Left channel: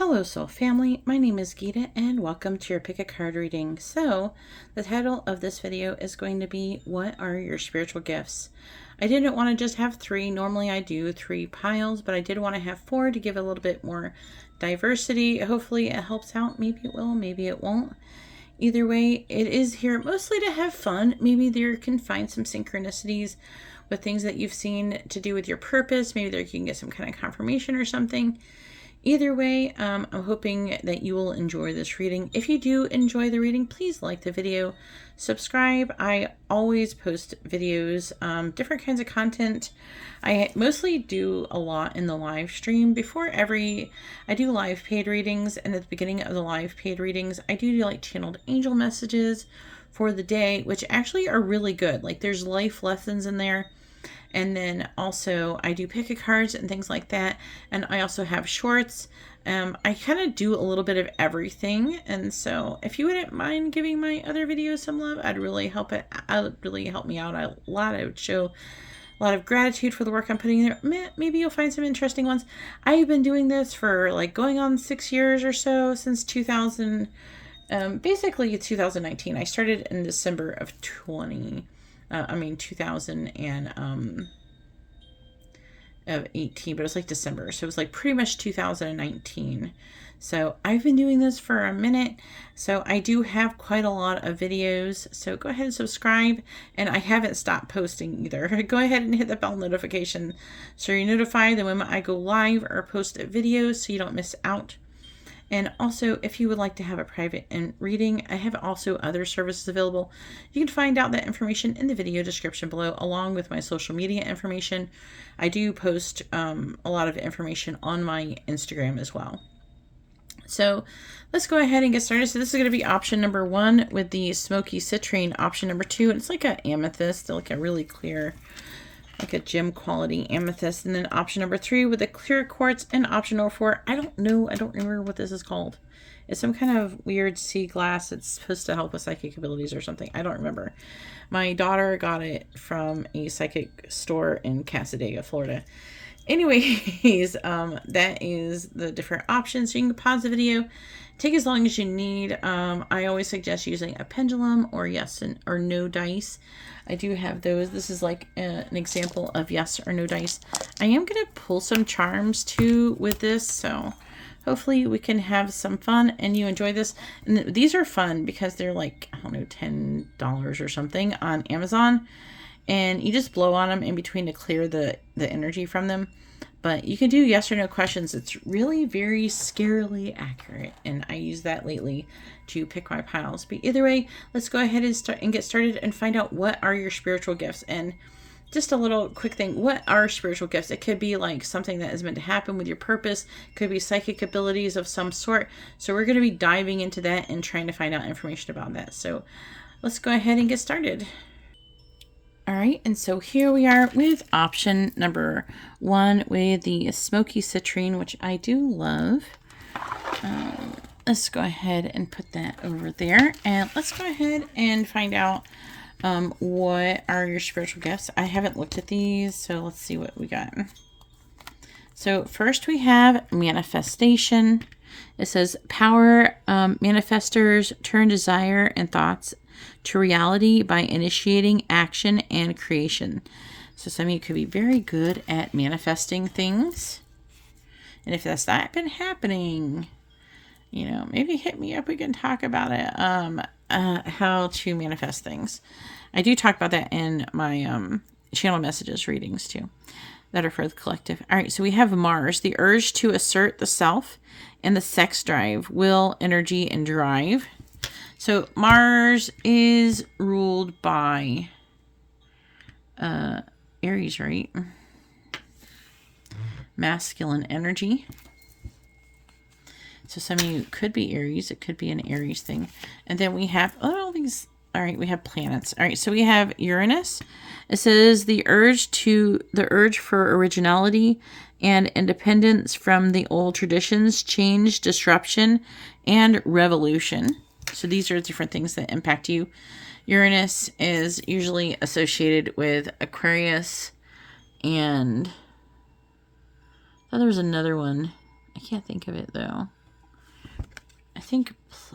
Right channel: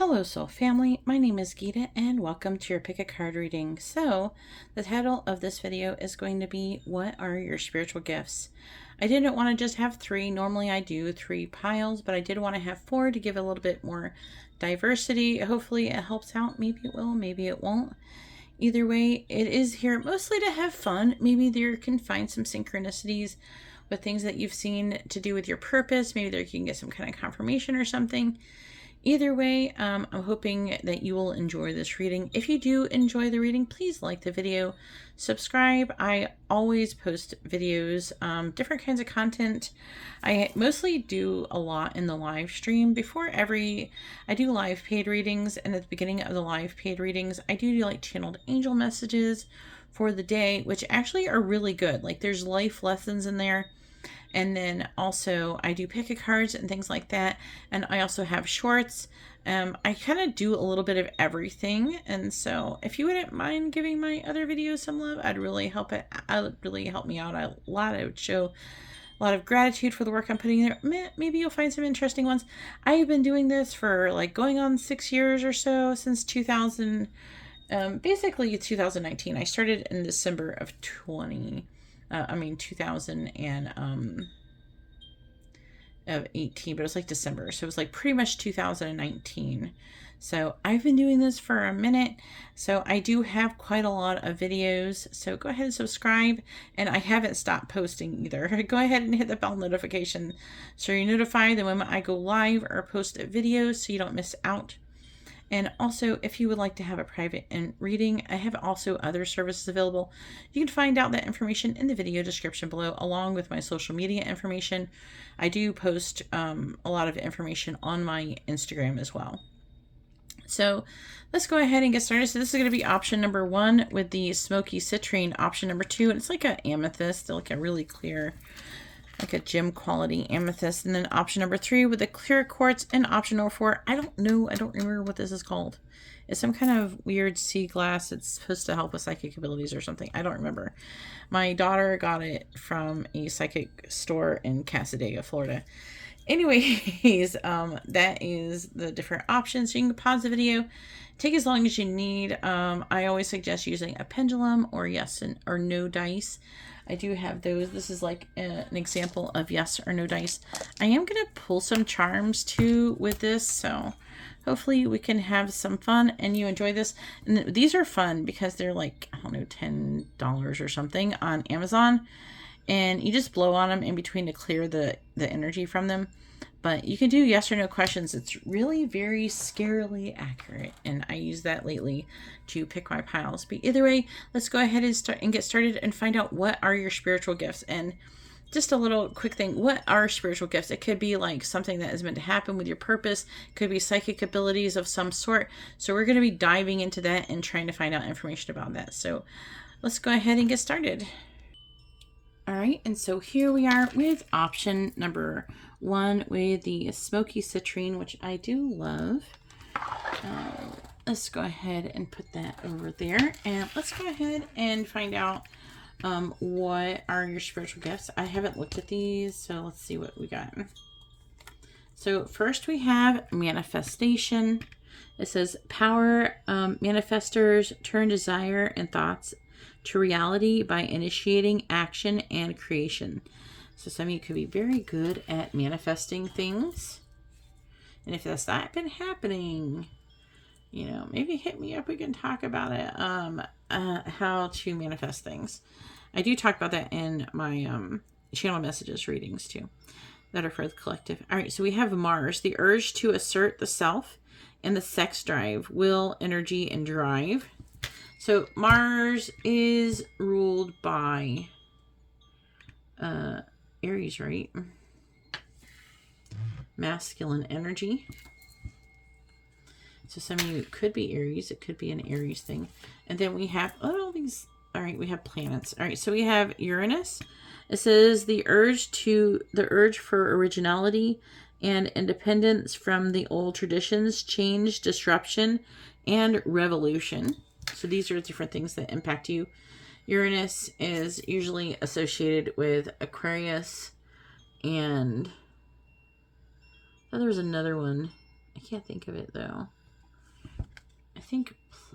Hello soul family, my name is Geeta and welcome to your pick a card reading. So the title of this video is going to be what are your spiritual gifts? I didn't want to just have three. Normally I do 3 piles, but I did want to have 4 to give a little bit more diversity. Hopefully it helps out. Maybe it will, maybe it won't. Either way, it is here mostly to have fun. Maybe there can find some synchronicities with things that you've seen to do with your purpose. Maybe there you can get some kind of confirmation or something. Either way, I'm hoping that you will enjoy this reading. If you do enjoy the reading, please like the video, subscribe. I always post videos, different kinds of content. I mostly do a lot in the live stream. I do live paid readings, and at the beginning of the live paid readings, I do like channeled angel messages for the day, which actually are really good. Like there's life lessons in there. And then also I do pick a cards and things like that. And I also have shorts. I kind of do a little bit of everything. And so if you wouldn't mind giving my other videos some love, I'd really help it. Really help me out a lot. I would show a lot of gratitude for the work I'm putting in there. Maybe you'll find some interesting ones. I've been doing this for like going on 6 years or so, since 2000, basically 2019. I started in December of 2018, but it was like December, so it was like pretty much 2019. So I've been doing this for a minute, so I do have quite a lot of videos, so go ahead and subscribe. And I haven't stopped posting either. Go ahead and hit the bell notification so you're notified the moment I go live or post videos so you don't miss out. And also, if you would like to have a private reading, I have also other services available. You can find out that information in the video description below, along with my social media information. I do post a lot of information on my Instagram as well. So let's go ahead and get started. So this is going to be option number 1 with the smoky citrine. Option number 2, and it's like an amethyst, like a really clear, like a gem quality amethyst. And then option number 3 with the clear quartz. And option number 4, I don't remember what this is called. It's some kind of weird sea glass. It's supposed to help with psychic abilities or something. I don't remember. My daughter got it from a psychic store in Casadega, Florida. Anyways, that is the different options. So you can pause the video, take as long as you need. I always suggest using a pendulum or yes or no dice. I do have those. This is like an example of yes or no dice. I am going to pull some charms too with this, so hopefully we can have some fun and you enjoy this. And these are fun because they're like, I don't know, $10 or something on Amazon. And you just blow on them in between to clear the energy from them. But you can do yes or no questions. It's really very scarily accurate. And I use that lately to pick my piles. But either way, let's go ahead and get started and find out what are your spiritual gifts. And just a little quick thing. What are spiritual gifts? It could be like something that is meant to happen with your purpose. It could be psychic abilities of some sort. So we're going to be diving into that and trying to find out information about that. So let's go ahead and get started. All right, and so here we are with option number 1 with the smoky citrine, which I do love. Let's go ahead and put that over there, and let's go ahead and find out what are your spiritual gifts. I haven't looked at these, so let's see what we got. So first we have manifestation. It says power manifestors turn desire and thoughts to reality by initiating action and creation. So some of you could be very good at manifesting things. And if that's not been happening, you know, maybe hit me up. We can talk about it. How to manifest things. I do talk about that in my channel messages readings too, that are for the collective. All right, so we have Mars, the urge to assert the self, and the sex drive, will, energy, and drive. So Mars is ruled by Aries, right? Masculine energy. So some of you could be Aries. It could be an Aries thing. And then we have all these. All right, we have planets. All right, so we have Uranus. It says the urge for originality and independence from the old traditions, change, disruption, and revolution. So these are different things that impact you. Uranus is usually associated with Aquarius, and I thought there was another one. I can't think of it though.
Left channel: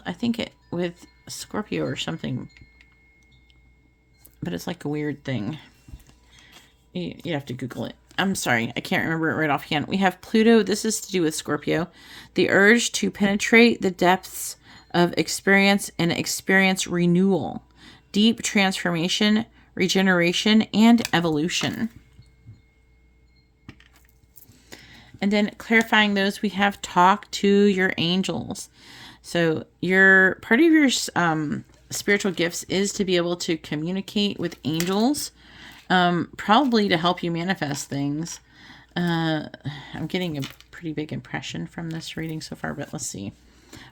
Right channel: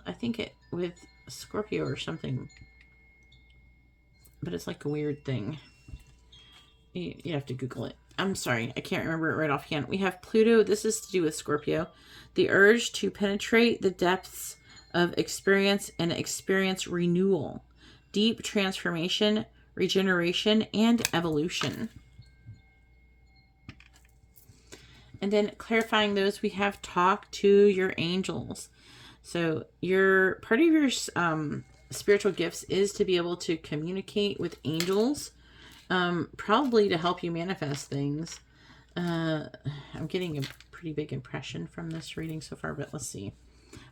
I think it with Scorpio or something, but it's like a weird thing. You have to Google it. I'm sorry, I can't remember it right offhand. We have Pluto. This is to do with Scorpio. The urge to penetrate the depths of experience and experience renewal, deep transformation, regeneration, and evolution. And then clarifying those, we have talk to your angels. So your part of your spiritual gifts is to be able to communicate with angels, probably to help you manifest things. I'm getting a pretty big impression from this reading so far, but let's see.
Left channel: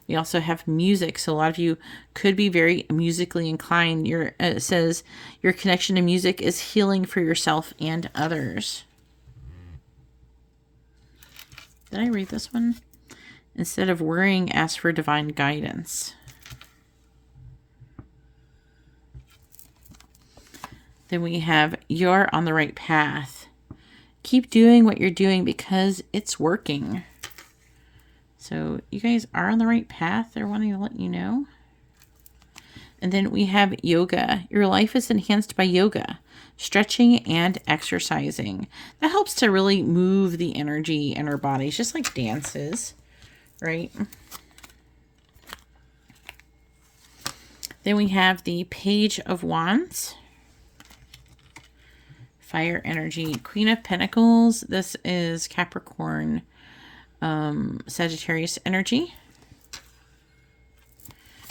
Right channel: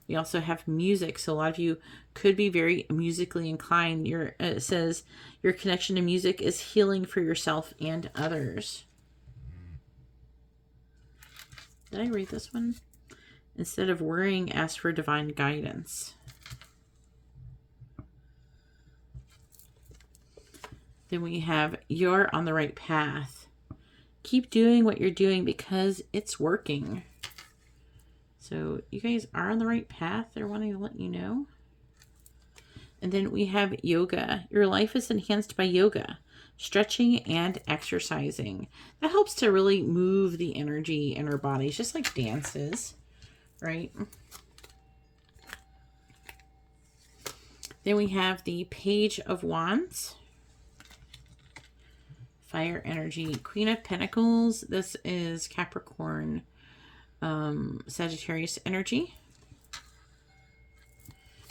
We also have music. So a lot of you could be very musically inclined. It says your connection to music is healing for yourself and others. Did I read this one? Instead of worrying, ask for divine guidance. Then we have you're on the right path. Keep doing what you're doing because it's working. So you guys are on the right path. They're wanting to let you know. And then we have yoga. Your life is enhanced by yoga, stretching, and exercising. That helps to really move the energy in our bodies, just like dances, right? Then we have the Page of Wands. Fire energy. Queen of Pentacles. This is Capricorn, Sagittarius energy.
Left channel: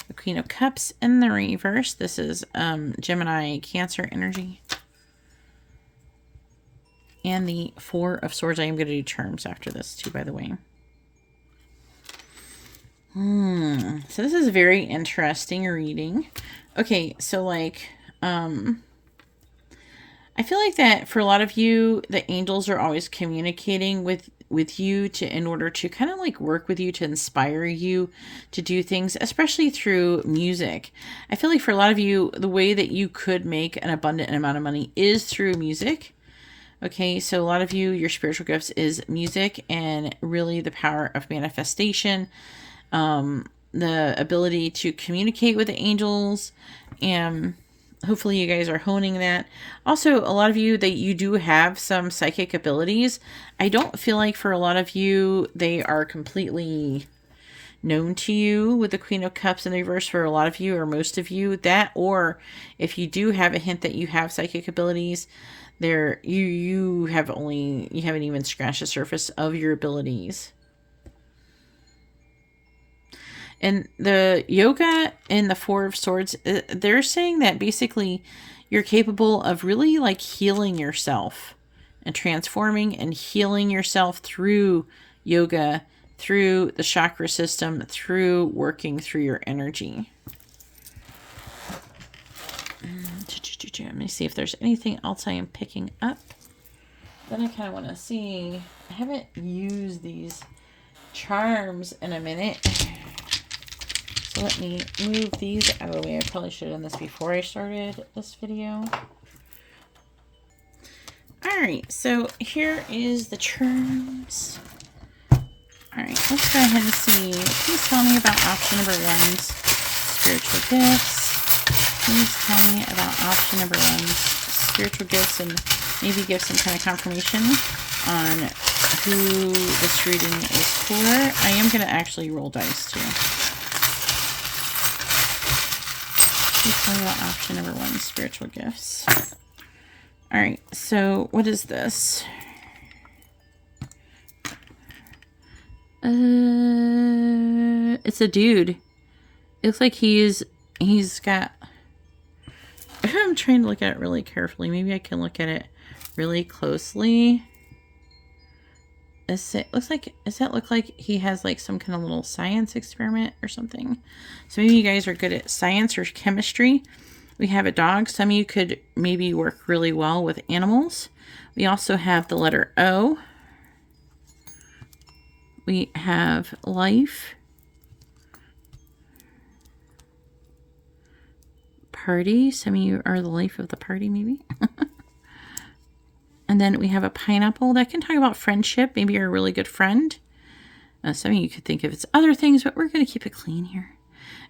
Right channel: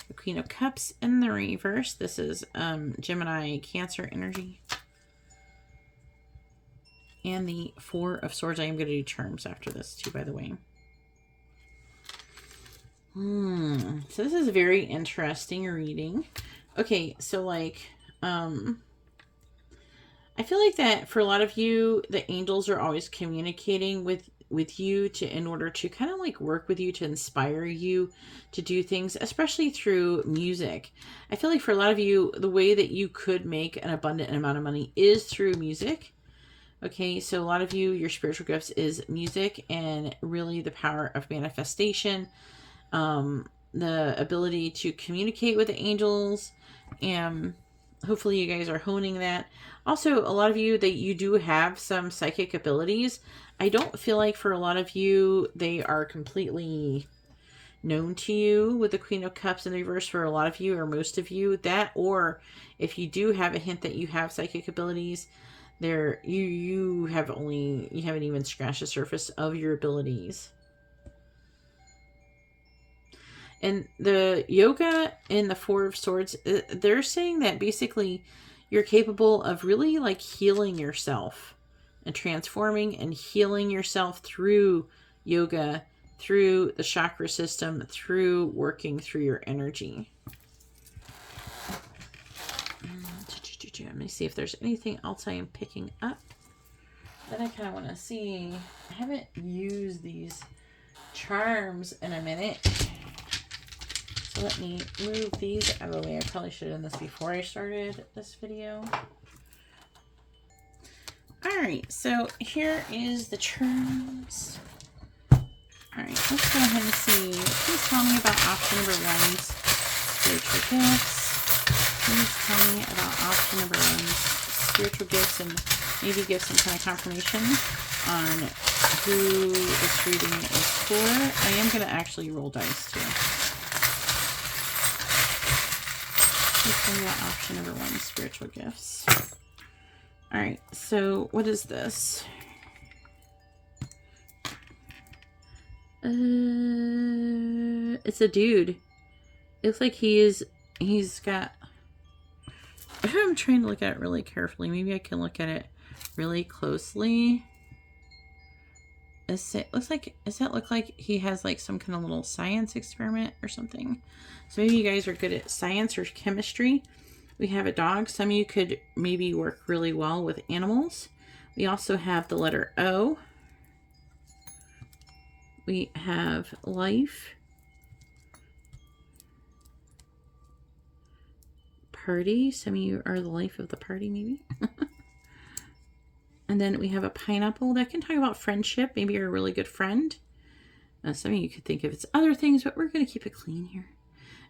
The Queen of Cups in the reverse. This is Gemini, Cancer energy. And the Four of Swords. I am going to do charms after this too, by the way. So this is a very interesting reading. Okay, so like, I feel like that for a lot of you, the angels are always communicating with you in order to kind of like work with you, to inspire you to do things, especially through music. I feel like for a lot of you, the way that you could make an abundant amount of money is through music. Okay, so a lot of you, your spiritual gifts is music and really the power of manifestation, the ability to communicate with the angels, and hopefully you guys are honing that. Also, a lot of you that you do have some psychic abilities. I don't feel like for a lot of you, they are completely known to you with the Queen of Cups in the reverse. For a lot of you or most of you, that, or if you do have a hint that you have psychic abilities, there you haven't even scratched the surface of your abilities. And the yoga and the Four of Swords, they're saying that basically you're capable of really like healing yourself and transforming and healing yourself through yoga, through the chakra system, through working through your energy. Let me see if there's anything else I am picking up. Then I kind of want to see. I haven't used these charms in a minute. So let me move these out of the way. I probably should have done this before I started this video. Alright, so here is the charms. Alright, let's go ahead and see. Please tell me about option number 1's spiritual gifts. Please tell me about option number 1's spiritual gifts, and maybe give some kind of confirmation on who this reading is for. I am going to actually roll dice too. Please tell me about option number 1, spiritual gifts. Alright, so what is this? It's a dude. It looks like he's got... I'm trying to look at it really carefully. Maybe I can look at it really closely. Does that look like he has like some kind of little science experiment or something? So maybe you guys are good at science or chemistry. We have a dog. Some of you could maybe work really well with animals. We also have the letter O. We have life. Party. Some of you are the life of the party, maybe. And then we have a pineapple that can talk about friendship. Maybe you're a really good friend. Some of you could think of it's other things, but we're going to keep it clean here.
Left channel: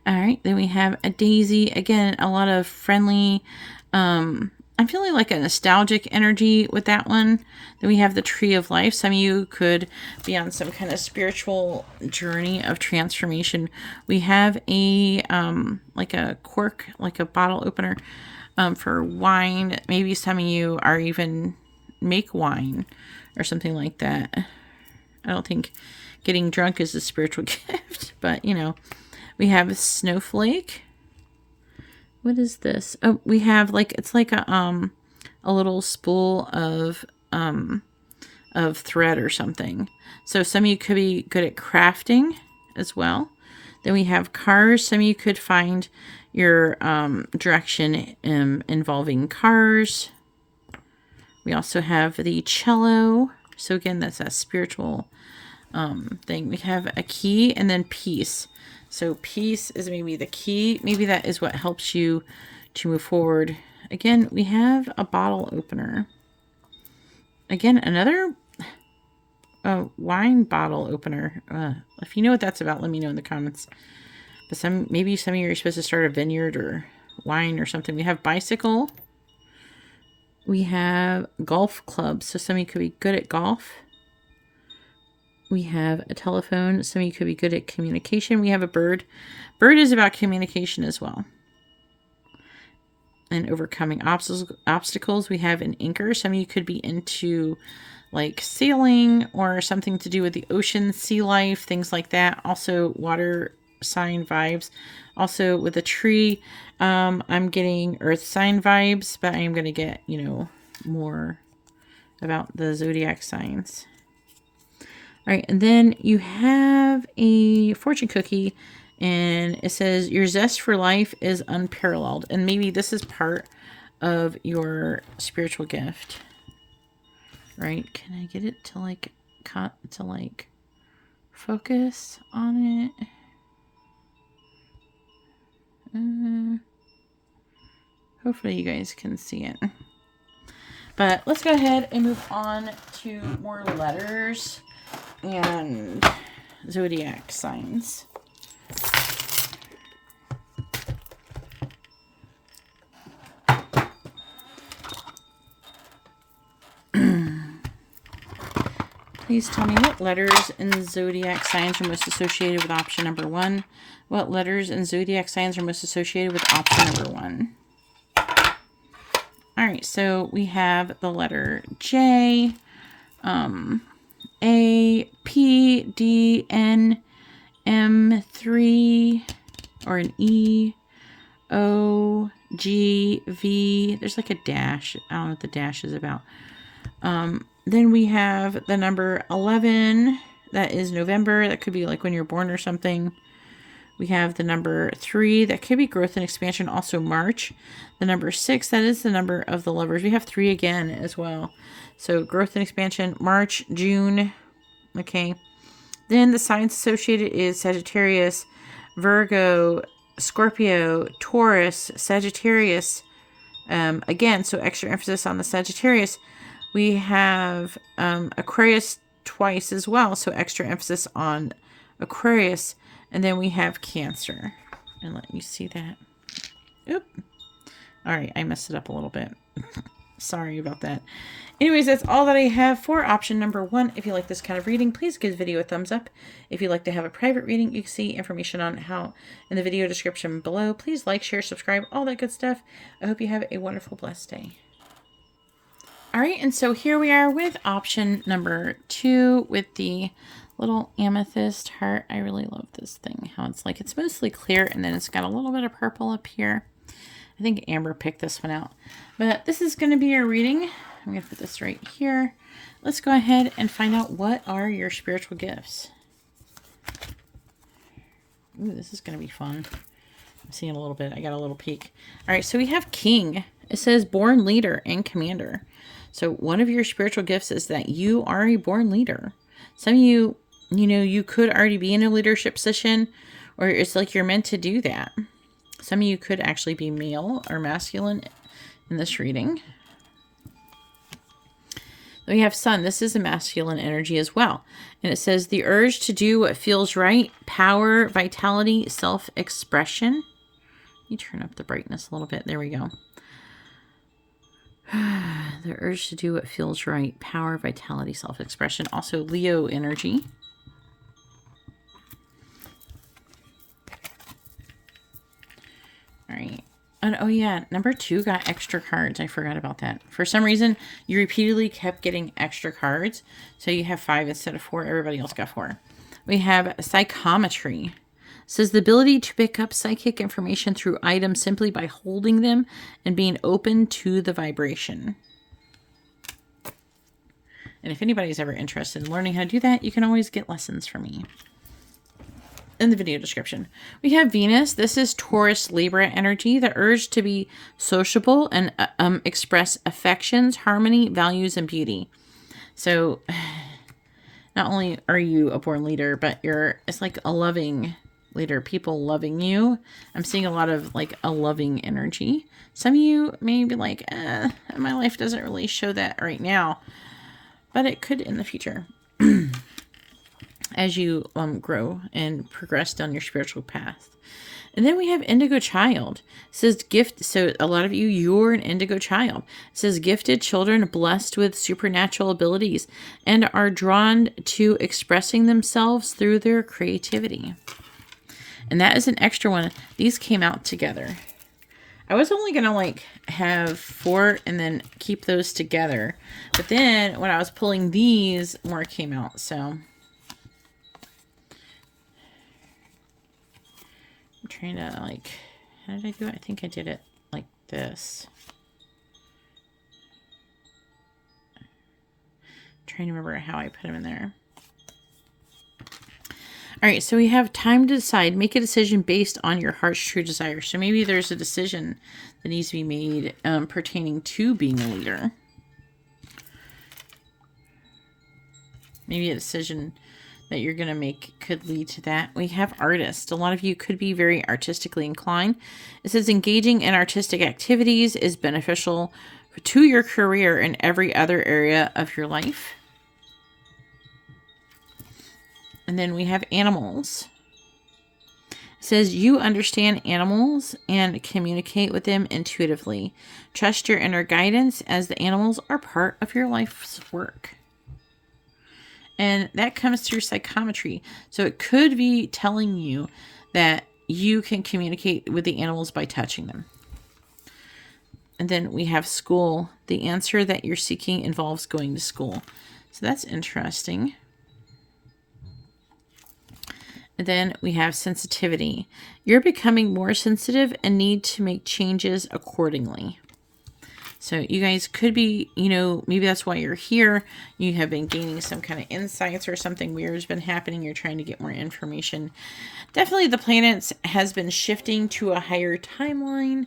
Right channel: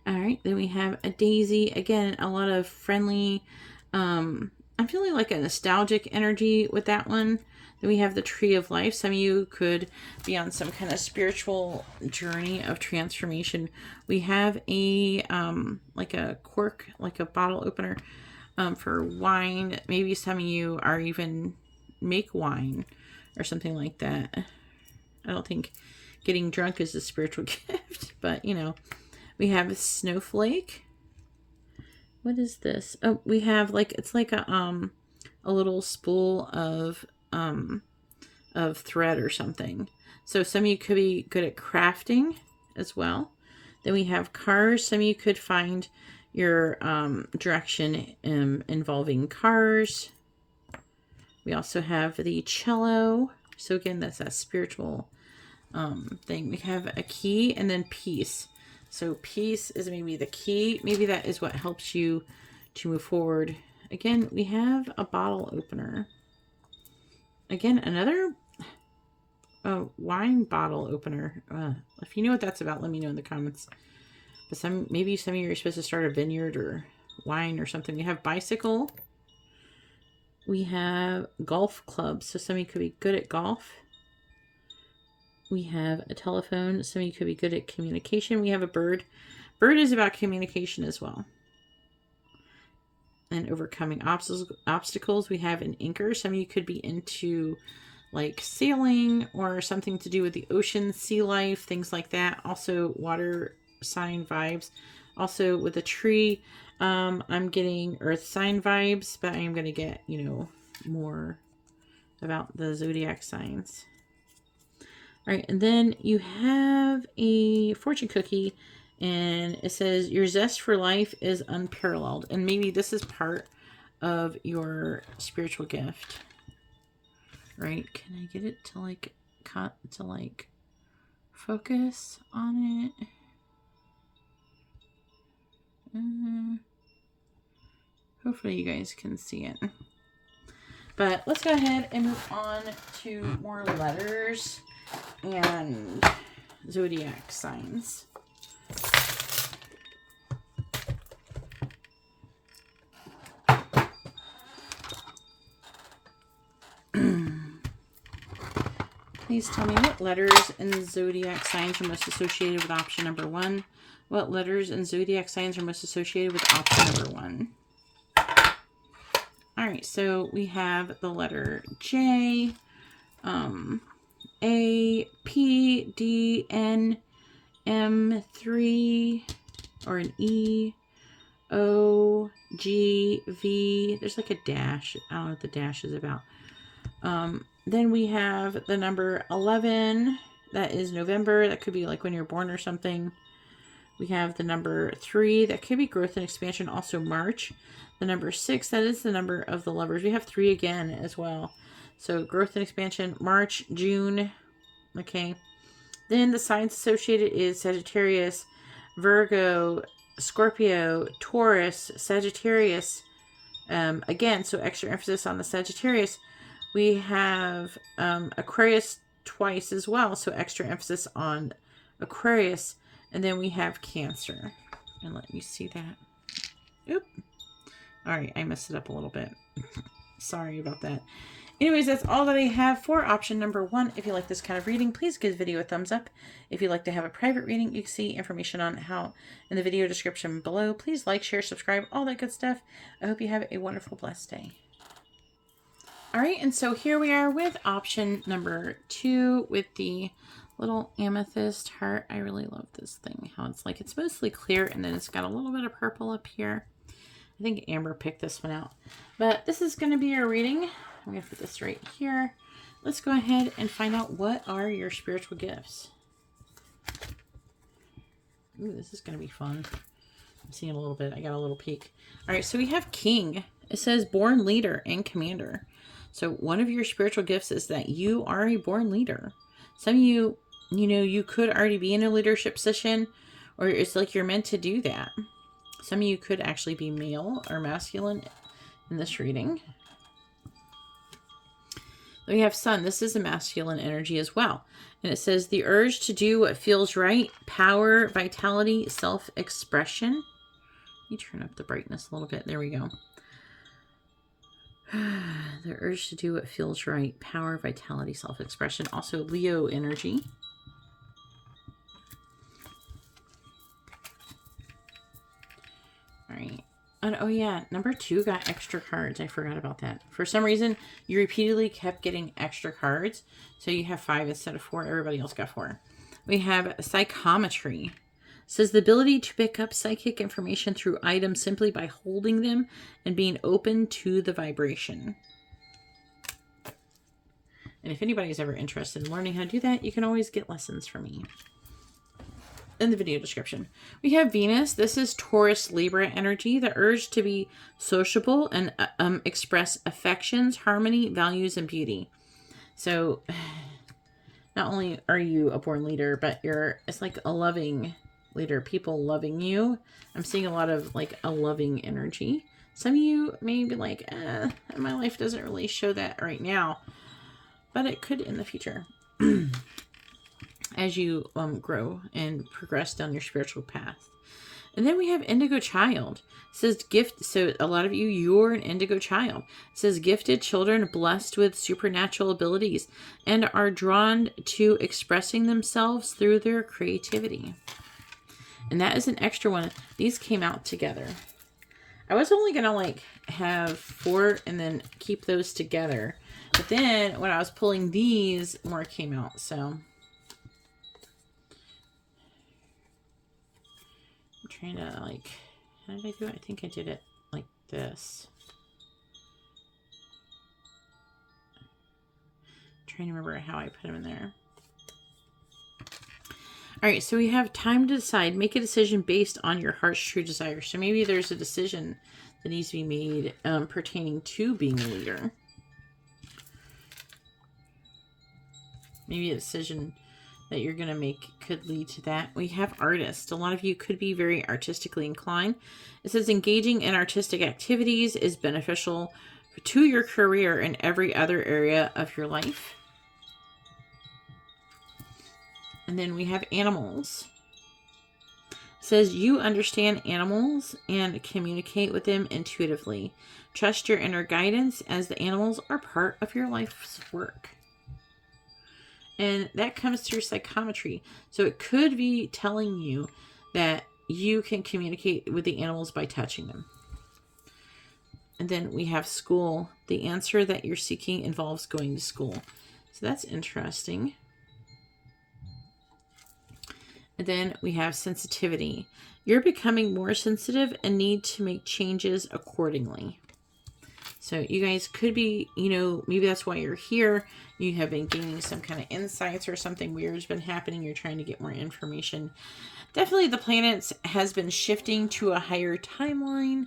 All right, then we have a daisy. Again, a lot of friendly, I'm feeling like a nostalgic energy with that one. Then we have the tree of life. Some of you could be on some kind of spiritual journey of transformation. We have a, like a cork, like a bottle opener for wine. Maybe some of you are even make wine or something like that. I don't think getting drunk is a spiritual gift, but you know. We have a snowflake. What is this? Oh, we have like, it's like a little spool of thread or something. So some of you could be good at crafting as well. Then we have cars. Some of you could find your direction involving cars. We also have the cello. So again, that's a spiritual thing. We have a key and then peace. So peace is maybe the key. Maybe that is what helps you to move forward. Again, we have a bottle opener. Again, another wine bottle opener. If you know what that's about, let me know in the comments. But maybe some of you are supposed to start a vineyard or wine or something. We have bicycle. We have golf clubs. So some of you could be good at golf. We have a telephone. Some of you could be good at communication. We have a bird. Bird is about communication as well. And overcoming obstacles. We have an anchor. Some of you could be into like sailing or something to do with the ocean, sea life, things like that. Also water sign vibes. Also with a tree, I'm getting earth sign vibes, but I am going to get, you know, more about the zodiac signs. All right, and then you have a fortune cookie, and it says, your zest for life is unparalleled. And maybe this is part of your spiritual gift, right? Can I get it to like, focus on it? Hopefully you guys can see it. But let's go ahead and move on to more letters and zodiac signs. Please tell me what letters and zodiac signs are most associated with option number 1. What letters and zodiac signs are most associated with option number 1? All right, so we have the letter J, A, P, D, N, M, 3, or an E, O, G, V. There's like a dash. I don't know what the dash is about. Then we have the number 11. That is November. That could be like when you're born or something. We have the number 3. That could be growth and expansion. Also March. The number 6. That is the number of the lovers. We have 3 again as well. So growth and expansion. March, June. Okay. Then the signs associated is Sagittarius, Virgo, Scorpio, Taurus, Sagittarius. Again, so extra emphasis on the Sagittarius. We have Aquarius twice as well, so extra emphasis on Aquarius. And then we have Cancer. And let you see that. Oop. All right, I messed it up a little bit. Sorry about that. Anyways, that's all that I have for option number 1. If you like this kind of reading, please give the video a thumbs up. If you'd like to have a private reading, you can see information on how in the video description below. Please like, share, subscribe, all that good stuff. I hope you have a wonderful, blessed day. All right, and so here we are with option number 2 with the little amethyst heart. I really love this thing, how it's like, it's mostly clear and then it's got a little bit of purple up here. I think Amber picked this one out. But this is going to be your reading. I'm going to put this right here. Let's go ahead and find out what are your spiritual gifts. Ooh, this is going to be fun. I'm seeing a little bit. I got a little peek. All right, so we have King. It says born leader and commander. So one of your spiritual gifts is that you are a born leader. Some of you, you know, you could already be in a leadership position, or it's like you're meant to do that. Some of you could actually be male or masculine in this reading. Then we have Sun. This is a masculine energy as well. And it says the urge to do what feels right, power, vitality, self-expression. Let me turn up the brightness a little bit. There we go. The urge to do what feels right, power, vitality, self-expression. Also Leo energy. All right. And oh yeah, number 2 got extra cards. I forgot about that. For some reason, you repeatedly kept getting extra cards. So you have 5 instead of 4. Everybody else got 4. We have psychometry. It says the ability to pick up psychic information through items simply by holding them and being open to the vibration. And if anybody's ever interested in learning how to do that, you can always get lessons from me in the video description. We have Venus. This is Taurus Libra energy, the urge to be sociable and express affections, harmony, values, and beauty. So not only are you a born leader, but it's like a loving leader, people loving you. I'm seeing a lot of like a loving energy. Some of you may be like, my life doesn't really show that right now, but it could in the future. As you grow and progress down your spiritual path. And then we have Indigo Child. It says gift. So a lot of you, you're an Indigo Child. It says gifted children blessed with supernatural abilities and are drawn to expressing themselves through their creativity. And that is an extra one. These came out together. I was only going to like have 4 and then keep those together. But then when I was pulling these, more came out. So I'm trying to like, how did I do it? I think I did it like this. I'm trying to remember how I put them in there. All right, so we have time to decide. Make a decision based on your heart's true desire. So maybe there's a decision that needs to be made pertaining to being a leader. Maybe a decision that you're going to make could lead to that. We have artists. A lot of you could be very artistically inclined. It says engaging in artistic activities is beneficial to your career and every other area of your life. And then we have animals. It says you understand animals and communicate with them intuitively. Trust your inner guidance as the animals are part of your life's work. And that comes through psychometry. So it could be telling you that you can communicate with the animals by touching them. And then we have school. The answer that you're seeking involves going to school. So that's interesting. And then we have sensitivity. You're becoming more sensitive and need to make changes accordingly. So you guys could be, maybe that's why you're here. You have been gaining some kind of insights or something weird has been happening. You're trying to get more information. Definitely the planets has been shifting to a higher timeline.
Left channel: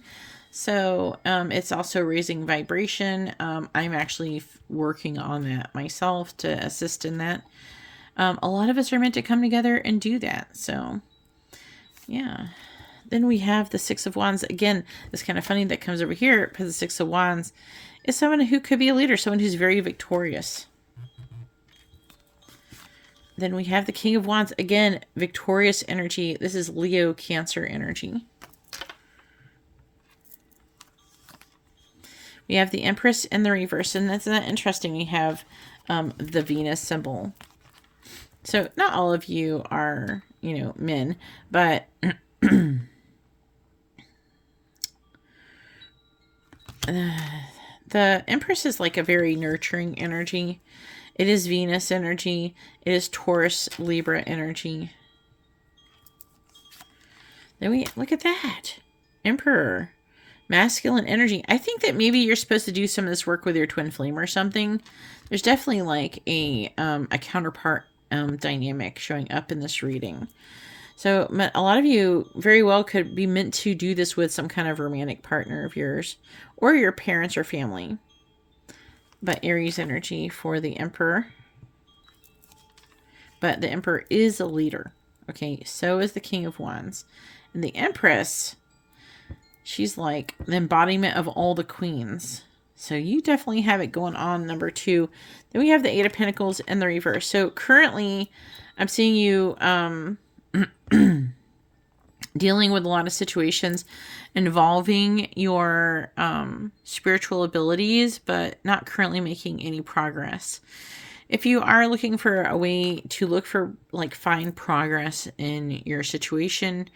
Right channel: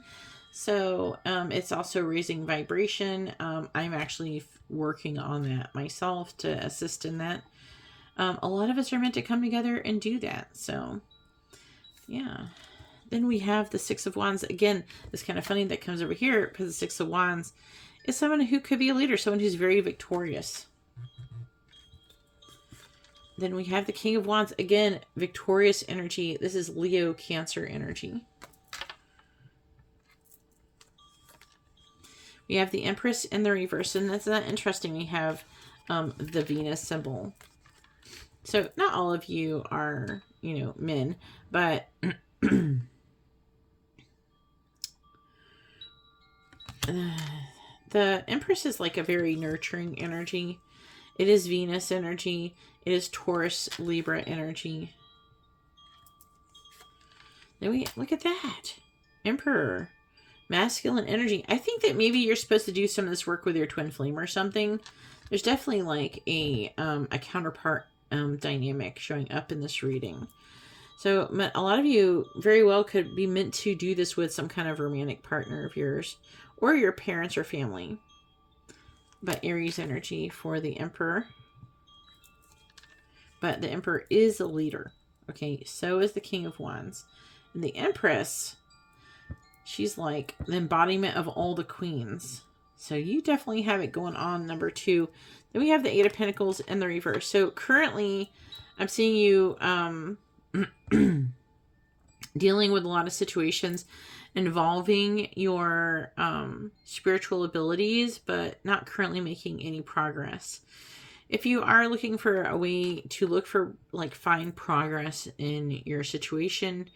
So it's also raising vibration. I'm actually working on that myself to assist in that. A lot of us are meant to come together and do that. So, yeah. Then we have the 6 of Wands. Again, it's kind of funny that comes over here because the 6 of Wands is someone who could be a leader, someone who's very victorious. Then we have the King of Wands. Again, victorious energy. This is Leo Cancer energy. We have the Empress in the reverse, and that's not interesting. We have the Venus symbol. So not all of you are, men, but the Empress is like a very nurturing energy. It is Venus energy. It is Taurus Libra energy. Then we look at that. Emperor. Masculine energy. I think that maybe you're supposed to do some of this work with your twin flame or something. There's definitely like a counterpart dynamic showing up in this reading. So a lot of you very well could be meant to do this with some kind of romantic partner of yours or your parents or family. But Aries energy for the Emperor. But the Emperor is a leader. Okay, so is the King of Wands. And the Empress, she's like the embodiment of all the queens. So you definitely have it going on, number 2. Then we have the 8 of Pentacles in the reverse. So currently, I'm seeing you dealing with a lot of situations involving your spiritual abilities, but not currently making any progress. If you are looking for a way to look for, like, find progress in your situation,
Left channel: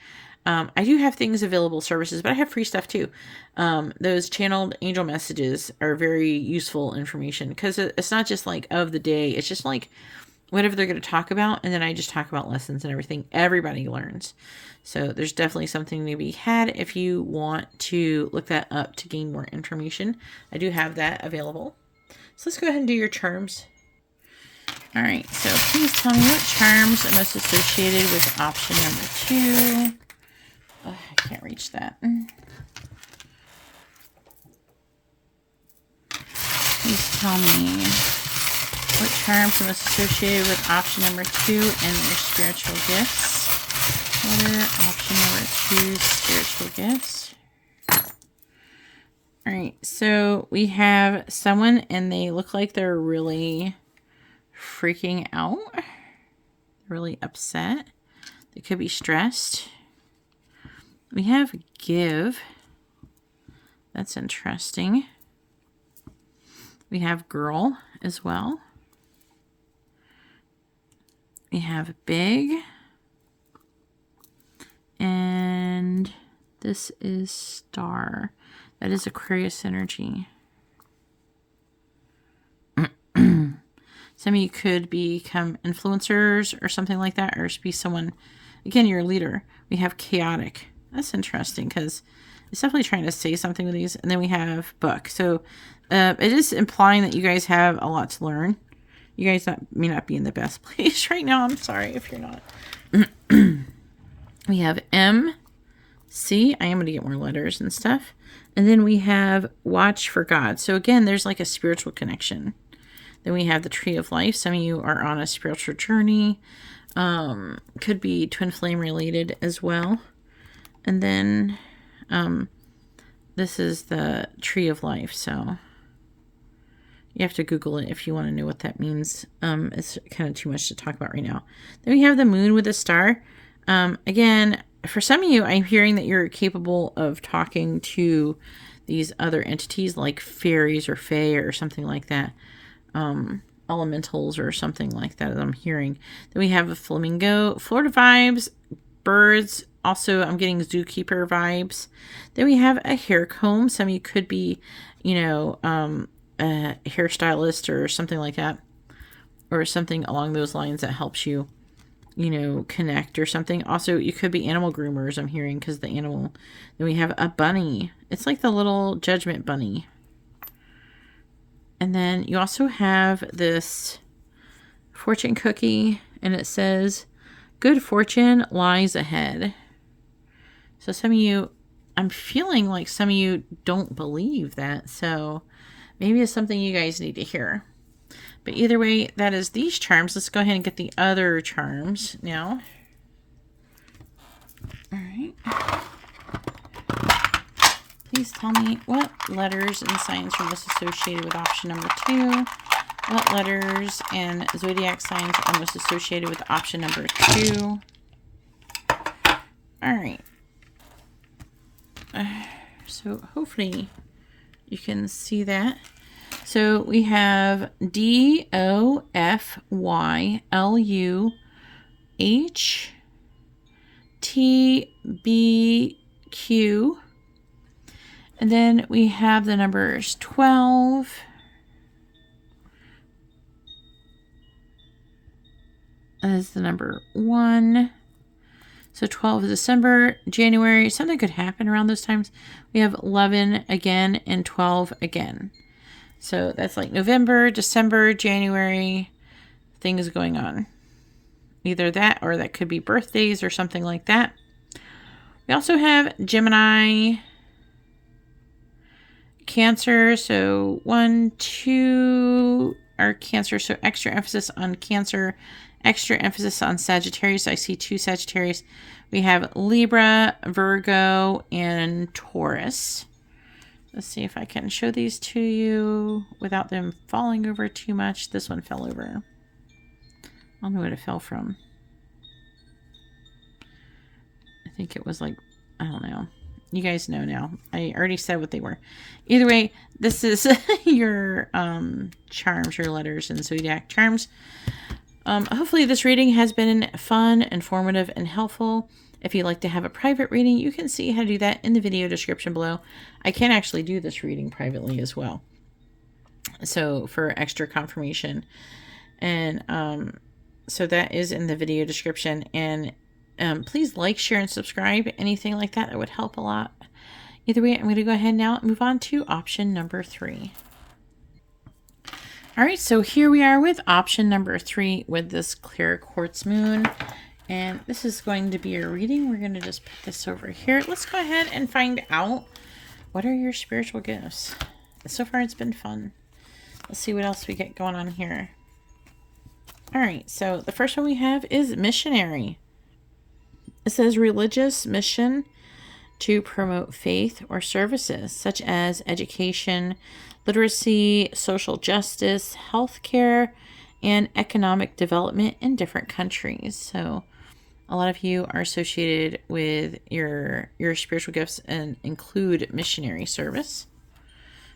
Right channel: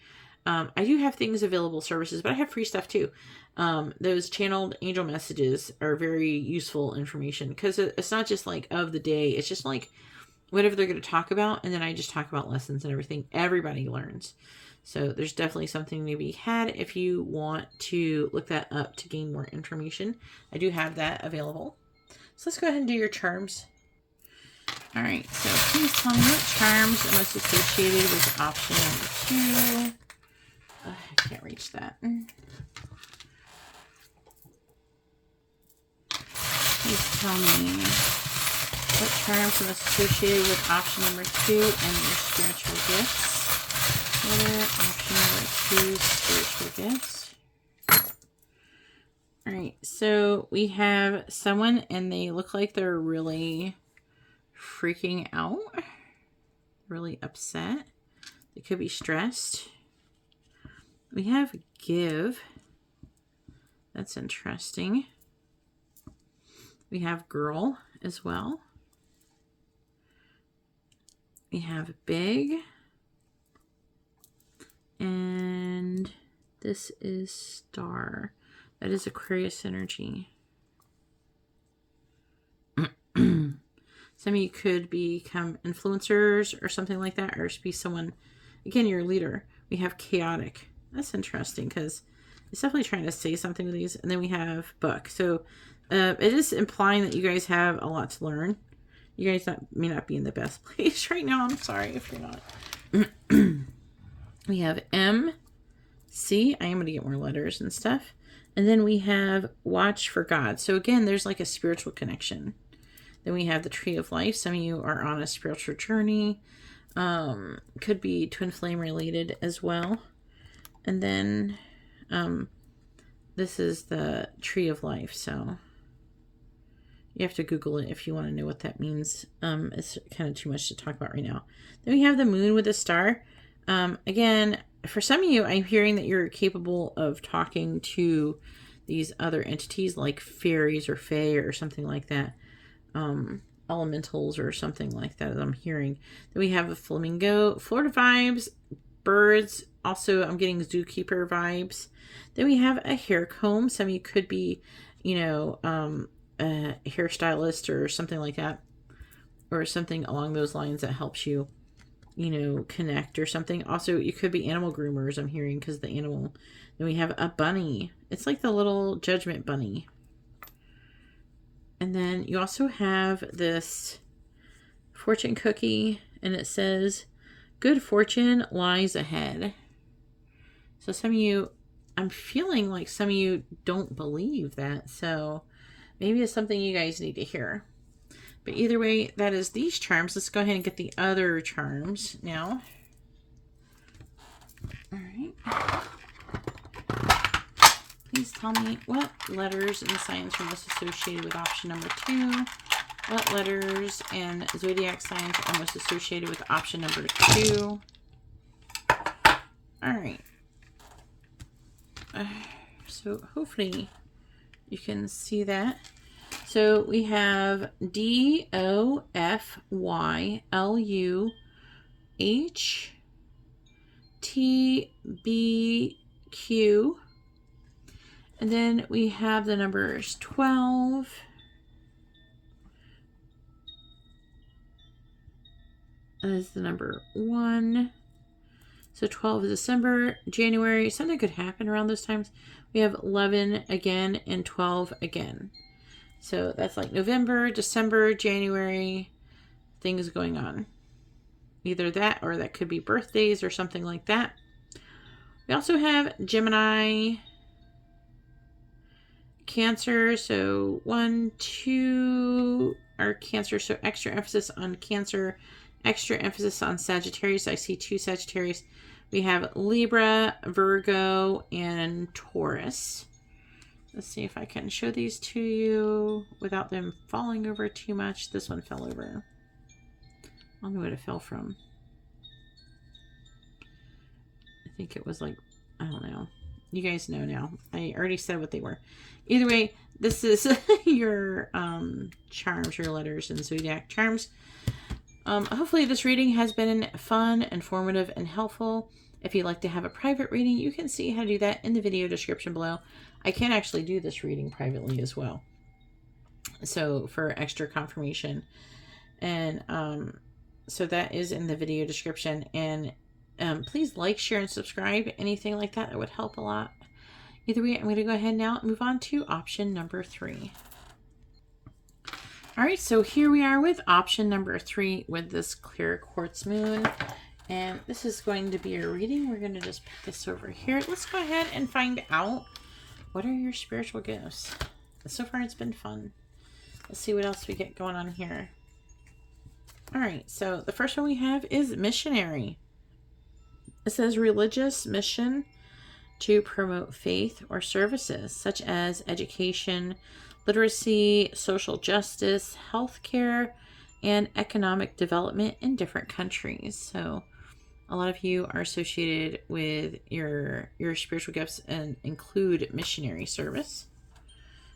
I do have things available, services, but I have free stuff too. Those channeled angel messages are very useful information, because it's not just like of the day. It's just like whatever they're going to talk about. And then I just talk about lessons and everything. Everybody learns. So there's definitely something to be had if you want to look that up to gain more information. I do have that available. So let's go ahead and do your charms. All right. So please tell me what charms are most associated with option number 2. Oh, I can't reach that. Please tell me what charms are most associated with option number 2 and your spiritual gifts. What are option number 2's spiritual gifts? All right, so we have someone and they look like they're really freaking out, really upset. They could be stressed. We have give. That's interesting. We have girl as well. We have big. And this is star. That is Aquarius energy. Some of you could become influencers or something like that, or be someone, again, you're a leader. We have chaotic. That's interesting because it's definitely trying to say something with these. And then we have book. So it is implying that you guys have a lot to learn. You guys may not be in the best place right now. I'm sorry if you're not. We have M, C. I am going to get more letters and stuff. And then we have watch for God. So again, there's like a spiritual connection. Then we have the tree of life. Some of you are on a spiritual journey. Could be twin flame related as well. And then this is the tree of life. So you have to Google it if you want to know what that means. It's kind of too much to talk about right now. Then we have the moon with a star. Again, for some of you, I'm hearing that you're capable of talking to these other entities like fairies or fae or something like that. Elementals or something like that, as I'm hearing. Then we have a flamingo, Florida vibes, birds. Also, I'm getting zookeeper vibes. Then we have a hair comb. Some of you could be, you know, a hairstylist or something like that, or something along those lines that helps you, you know, connect or something. Also, you could be animal groomers, I'm hearing, because the animal. Then we have a bunny. It's like the little judgment bunny. And then you also have this fortune cookie, and it says, good fortune lies ahead. So some of you, I'm feeling like some of you don't believe that. So maybe it's something you guys need to hear. But either way, that is these charms. Let's go ahead and get the other charms now. All right. Please tell me what letters and signs are most associated with option number 2. What letters and zodiac signs are most associated with option number 2. All right. So hopefully you can see that. So we have DOFYLUHTBQ. And then we have the numbers 12. As the number 1. So 12 is December, January. Something could happen around those times. We have 11 again and 12 again. So that's like November, December, January, things going on. Either that or that could be birthdays or something like that. We also have Gemini, Cancer. So 1, 2 are Cancer. So extra emphasis on Cancer, extra emphasis on Sagittarius. I see 2 Sagittarius. We have Libra, Virgo, and Taurus. Let's see if I can show these to you without them falling over too much. This one fell over. I don't know what it fell from. I think it was like, I don't know. You guys know now. I already said what they were. Either way, this is your charms, your letters and zodiac charms. Hopefully this reading has been fun, informative, and helpful. If you'd like to have a private reading, you can see how to do that in the video description below. I can actually do this reading privately as well, so for extra confirmation. And so that is in the video description. And please like, share, and subscribe. Anything like that, that would help a lot. Either way, I'm going to go ahead now and move on to option number 3. All right, so here we are with option number 3 with this clear quartz moon. And this is going to be a reading. We're going to just put this over here. Let's go ahead and find out, what are your spiritual gifts? So far, it's been fun. Let's see what else we get going on here. All right, so the first one we have is missionary. It says religious mission to promote faith or services such as education, literacy, social justice, healthcare, and economic development in different countries. So a lot of you are associated with your spiritual gifts and include missionary service,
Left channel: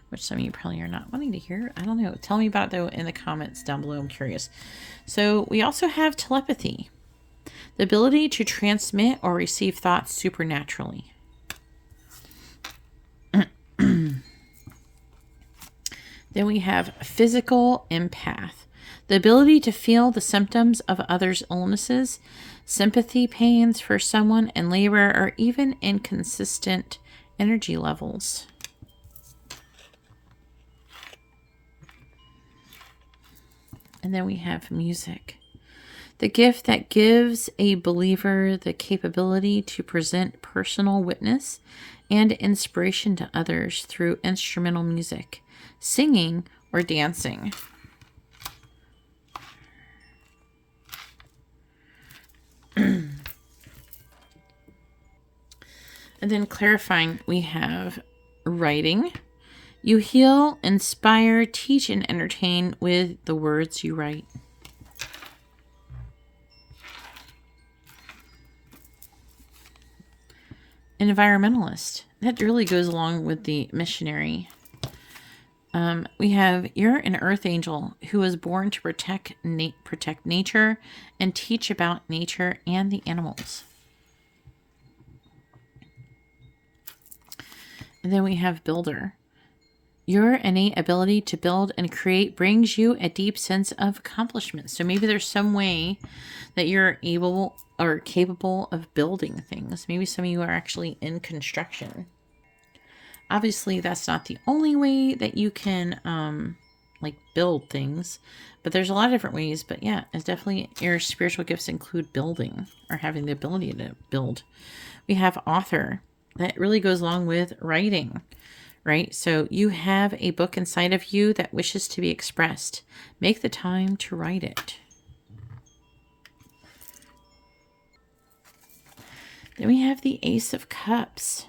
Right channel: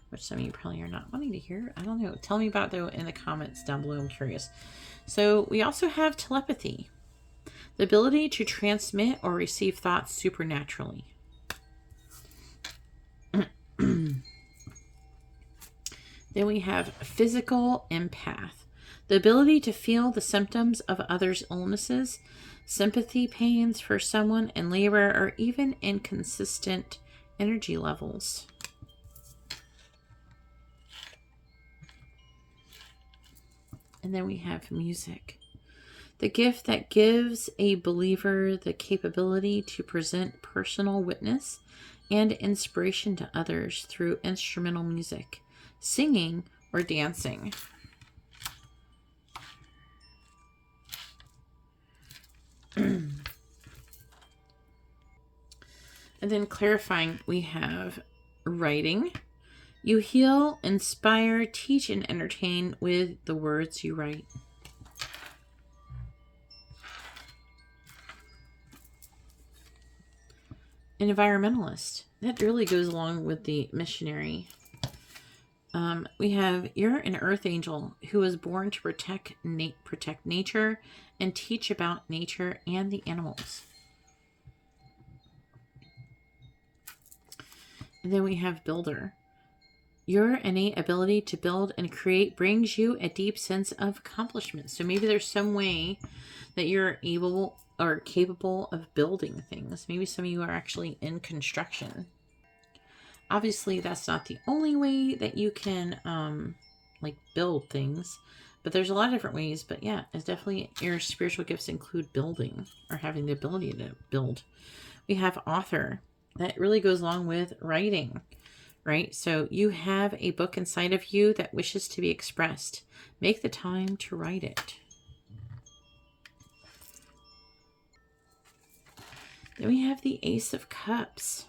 which some of you probably are not wanting to hear. I don't know. Tell me about it, though, in the comments down below. I'm curious. So we also have telepathy, the ability to transmit or receive thoughts supernaturally. Then we have physical empath, the ability to feel the symptoms of others' illnesses, sympathy pains for someone in labor, or even inconsistent energy levels. And then we have music, the gift that gives a believer the capability to present personal witness and inspiration to others through instrumental music, singing, or dancing. And then clarifying, we have writing. You heal, inspire, teach, and entertain with the words you write. An environmentalist. That really goes along with the missionary. We have, you're an earth angel who was born to protect nature and teach about nature and the animals. And then we have builder. Your innate ability to build and create brings you a deep sense of accomplishment. So maybe there's some way that you're able or capable of building things. Maybe some of you are actually in construction. Obviously, that's not the only way that you can like build things, but there's a lot of different ways. But yeah, it's definitely, your spiritual gifts include building or having the ability to build. We have author. That really goes along with writing, right? So you have a book inside of you that wishes to be expressed. Make the time to write it. Then we have the Ace of Cups.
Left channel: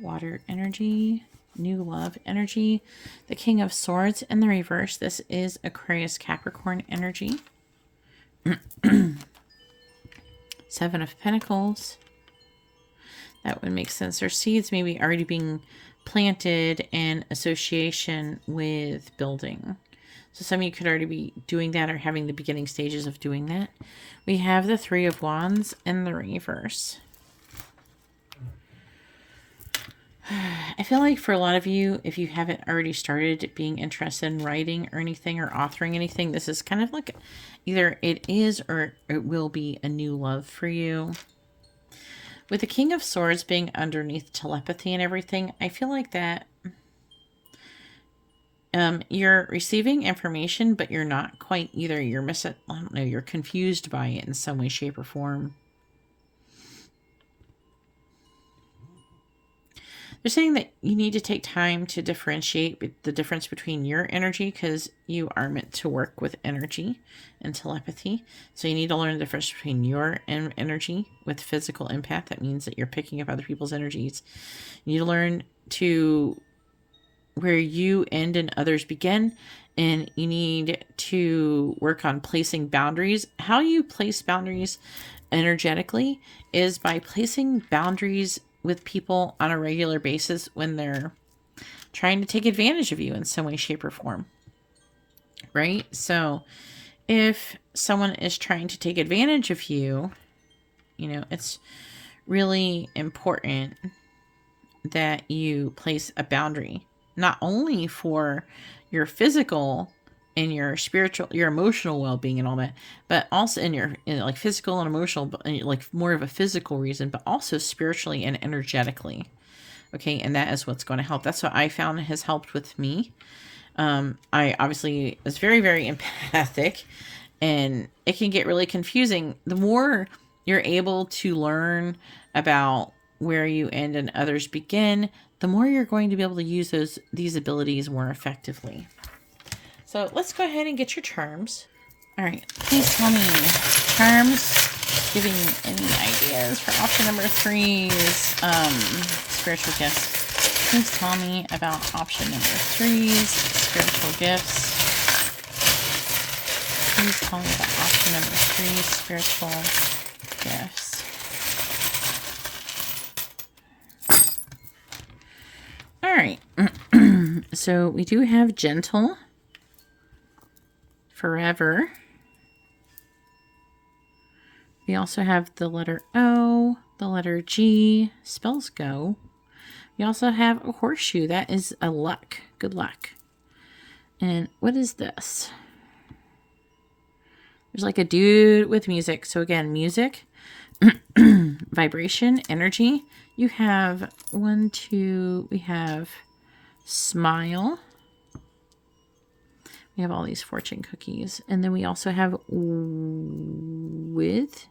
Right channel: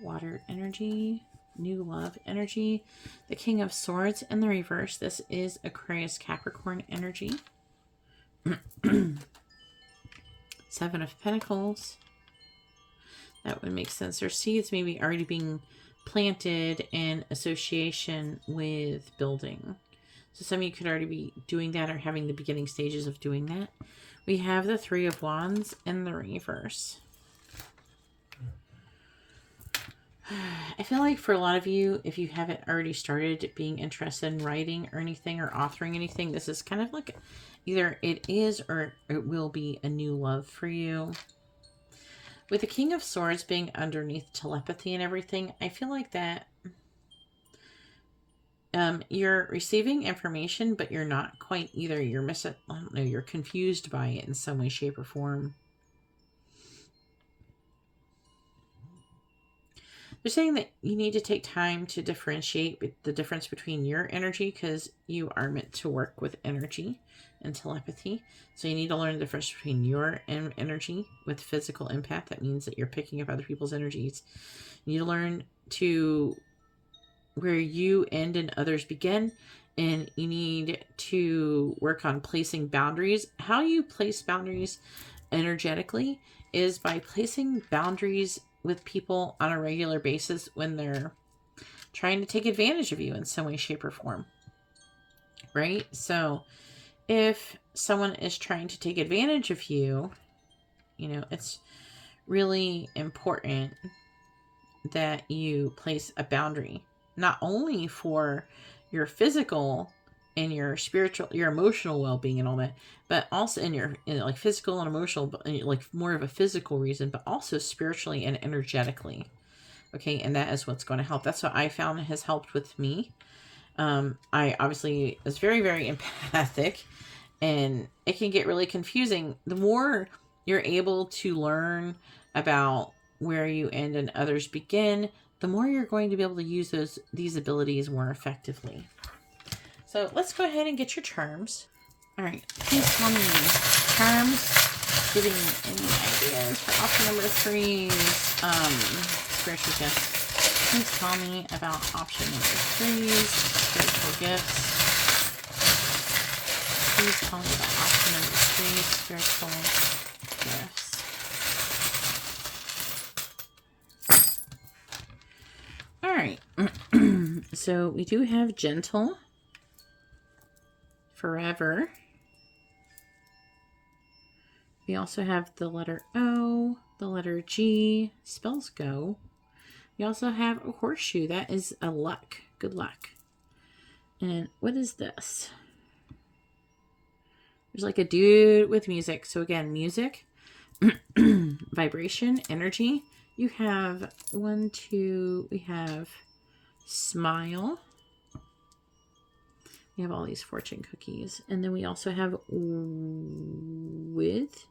Water energy, new love energy, the King of Swords in the reverse. This is Aquarius Capricorn energy. Seven of Pentacles. That would make sense. Their seeds maybe already being planted in association with building. So some of you could already be doing that or having the beginning stages of doing that. We have the Three of Wands in the reverse. I feel like for a lot of you, if you haven't already started being interested in writing or anything or authoring anything, this is kind of like either it is or it will be a new love for you. With the King of Swords being underneath telepathy and everything, I feel like that you're receiving information, but you're not quite either. You're I don't know, you're confused by it in some way, shape, or form. They're saying that you need to take time to differentiate the difference between your energy, because you are meant to work with energy and telepathy. So you need to learn the difference between your energy with physical empath. That means that you're picking up other people's energies. You need to learn to where you end and others begin. And you need to work on placing boundaries. How you place boundaries energetically is by placing boundaries with people on a regular basis when they're trying to take advantage of you in some way, shape, or form. Right? So if someone is trying to take advantage of you, you know, it's really important that you place a boundary, not only for your physical and your spiritual, your emotional well-being and all that, but also in like physical and emotional, like more of a physical reason, but also spiritually and energetically. Okay. And that is what's going to help. That's what I found has helped with me. I obviously was very, very empathic, and it can get really confusing. The more you're able to learn about where you end and others begin, the more you're going to be able to use these abilities more effectively. So let's go ahead and get your charms. All right, please tell me charms giving any ideas for option number 3's spiritual gifts. Please tell me about option number 3's spiritual gifts. Please tell me about option number 3's spiritual gifts. All right. So we do have gentle, forever. We also have the letter O, the letter G, spells go. We also have a horseshoe. That is a luck. Good luck. And what is this? There's like a dude with music. So again, music, vibration, energy. You have 1, 2, we have smile. We have all these fortune cookies. And then we also have with,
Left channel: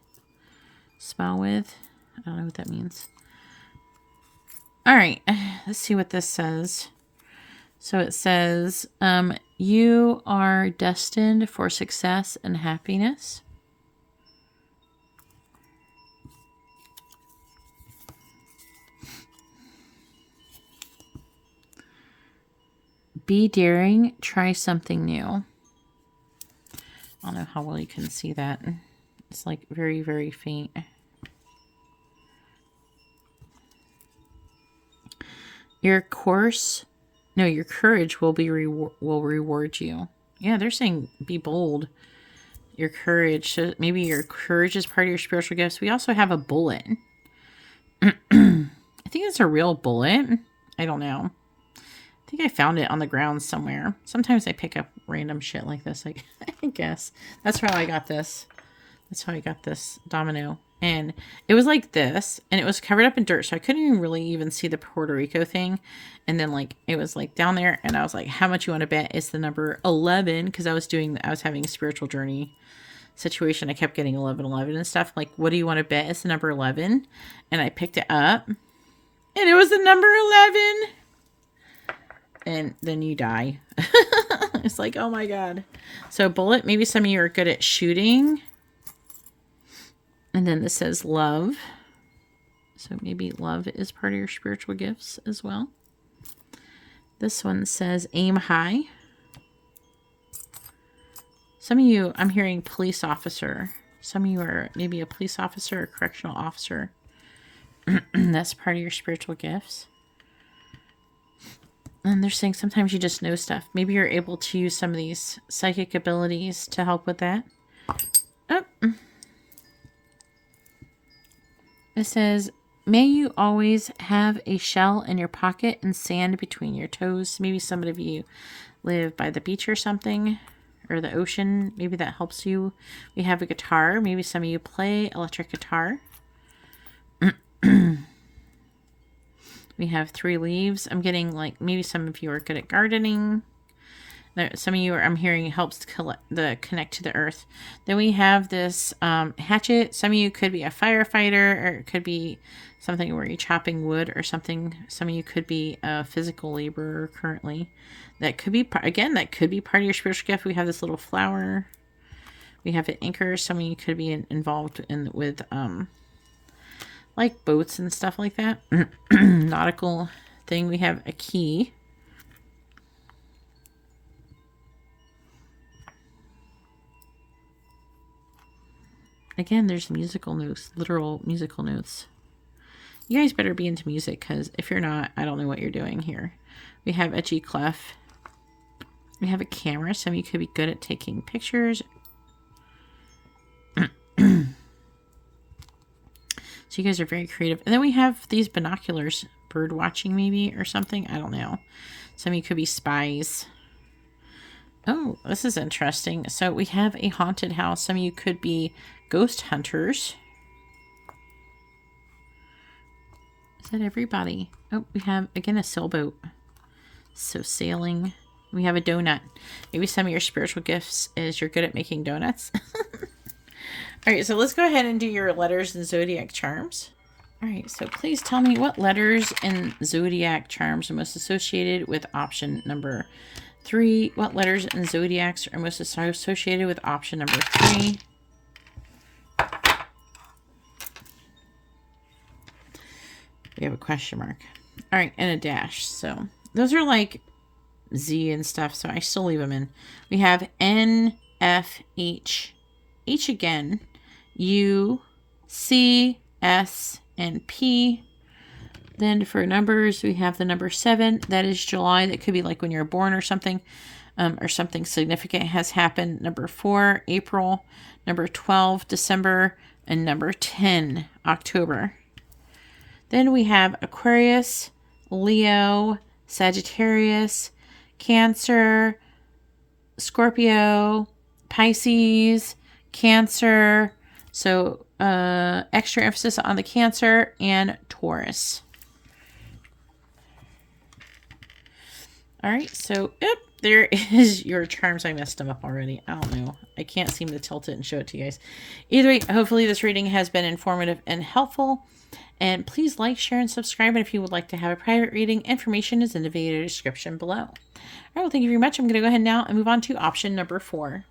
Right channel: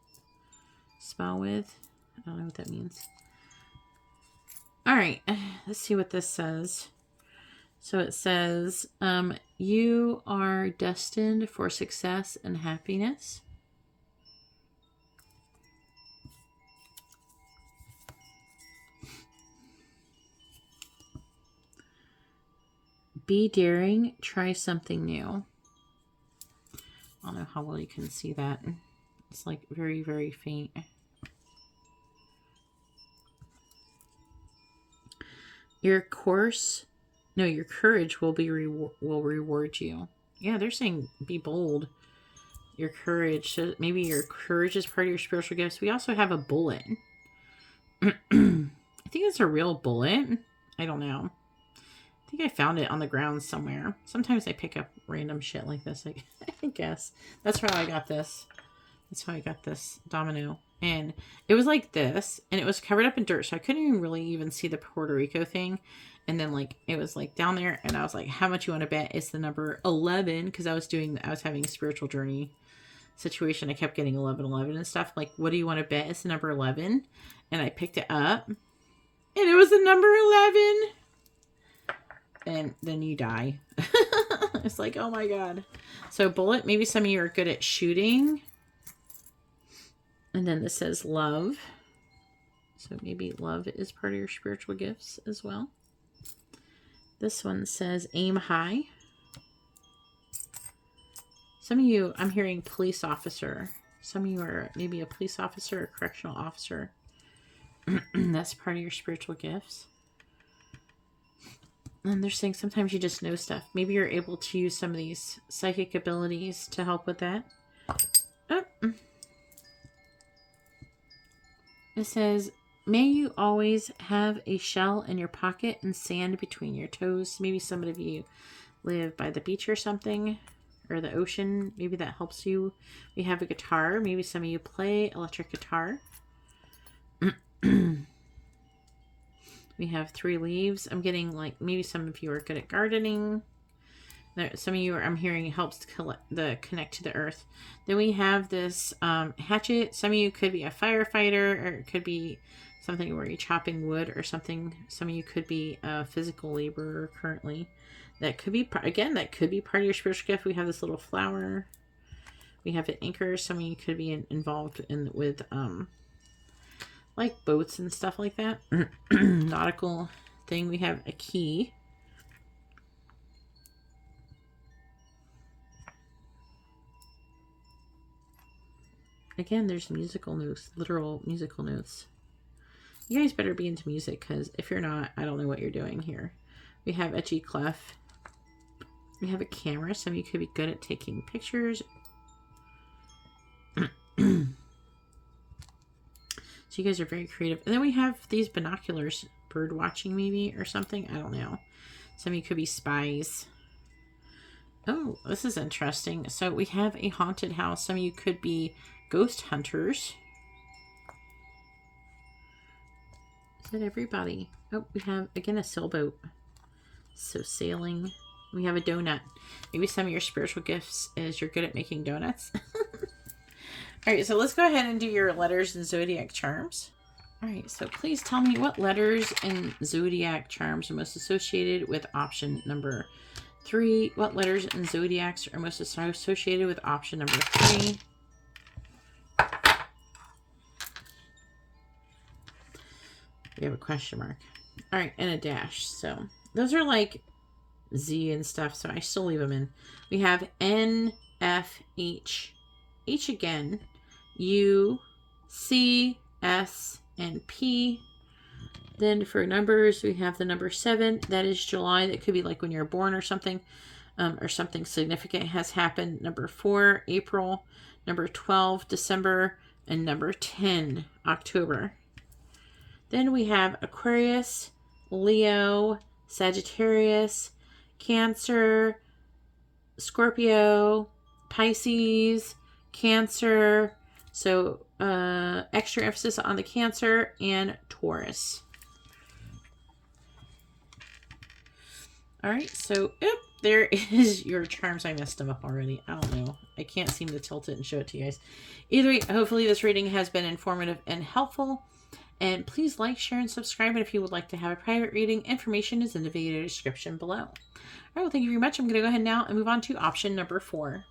smile with. I don't know what that means. All right, let's see what this says. So it says, you are destined for success and happiness. Be daring, try something new. I don't know how well you can see that. It's like very, very faint. Your courage will reward you. Yeah, they're saying be bold. Your courage, so maybe your courage is part of your spiritual gifts. We also have a bullet. I think it's a real bullet. I don't know. I think I found it on the ground somewhere. Sometimes I pick up random shit like this, I guess. That's how I got this. That's how I got this domino. And it was like this, and it was covered up in dirt, so I couldn't even see the Puerto Rico thing. And then like it was like down there, and I was like, how much you want to bet? It's the number 11, because I was having a spiritual journey situation. I kept getting 11, 11 and stuff. Like, what do you want to bet? It's the number 11. And I picked it up, and it was the number 11. And then you die. It's like, oh my God. So bullet, maybe some of you are good at shooting. And then this says love. So maybe love is part of your spiritual gifts as well. This one says aim high. Some of you, I'm hearing police officer. Some of you are maybe a police officer or correctional officer. That's part of your spiritual gifts. And they're saying sometimes you just know stuff. Maybe you're able to use some of these psychic abilities to help with that. Oh. It says, may you always have a shell in your pocket and sand between your toes. Maybe some of you live by the beach or something, or the ocean. Maybe that helps you. We have a guitar. Maybe some of you play electric guitar. We have 3 leaves. I'm getting like maybe some of you are good at gardening. Some of you are, I'm hearing, helps connect to the earth. Then we have this hatchet. Some of you could be a firefighter, or it could be something where you're chopping wood or something. Some of you could be a physical laborer currently. That could be, again, that could be part of your spiritual gift. We have this little flower. We have an anchor. Some of you could be involved with like boats and stuff like that. Nautical thing. We have a key. Again, there's musical notes, literal musical notes. You guys better be into music, because if you're not, I don't know what you're doing here. We have etchy clef. We have a camera. Some of you could be good at taking pictures. So you guys are very creative. And then we have these binoculars, bird watching maybe or something. I don't know. Some of you could be spies. Oh, this is interesting. So we have a haunted house. Some of you could be ghost hunters. Is that everybody? Oh, we have, again, a sailboat. So sailing. We have a donut. Maybe some of your spiritual gifts is you're good at making donuts. All right, so let's go ahead and do your letters and zodiac charms. All right, so please tell me what letters and zodiac charms are most associated with option number 3. What letters and zodiacs are most associated with option number 3? We have a question mark. All right, and a dash. So those are like Z and stuff, so I still leave them in. We have N, F, H, H again, U, C, S, and P. Then for numbers, we have the number 7. That is July. That could be like when you're born or something significant has happened. Number 4, April. Number 12, December. And number 10, October. Then we have Aquarius, Leo, Sagittarius, Cancer, Scorpio, Pisces, Cancer. So extra emphasis on the Cancer, and Taurus. All right, so yep, there is your charms. I messed them up already. I don't know. I can't seem to tilt it and show it to you guys. Either way, hopefully this reading has been informative and helpful. And please like, share, and subscribe. And if you would like to have a private reading, information is in the video description below. All right, well, thank you very much. I'm going to go ahead now and move on to option number 4.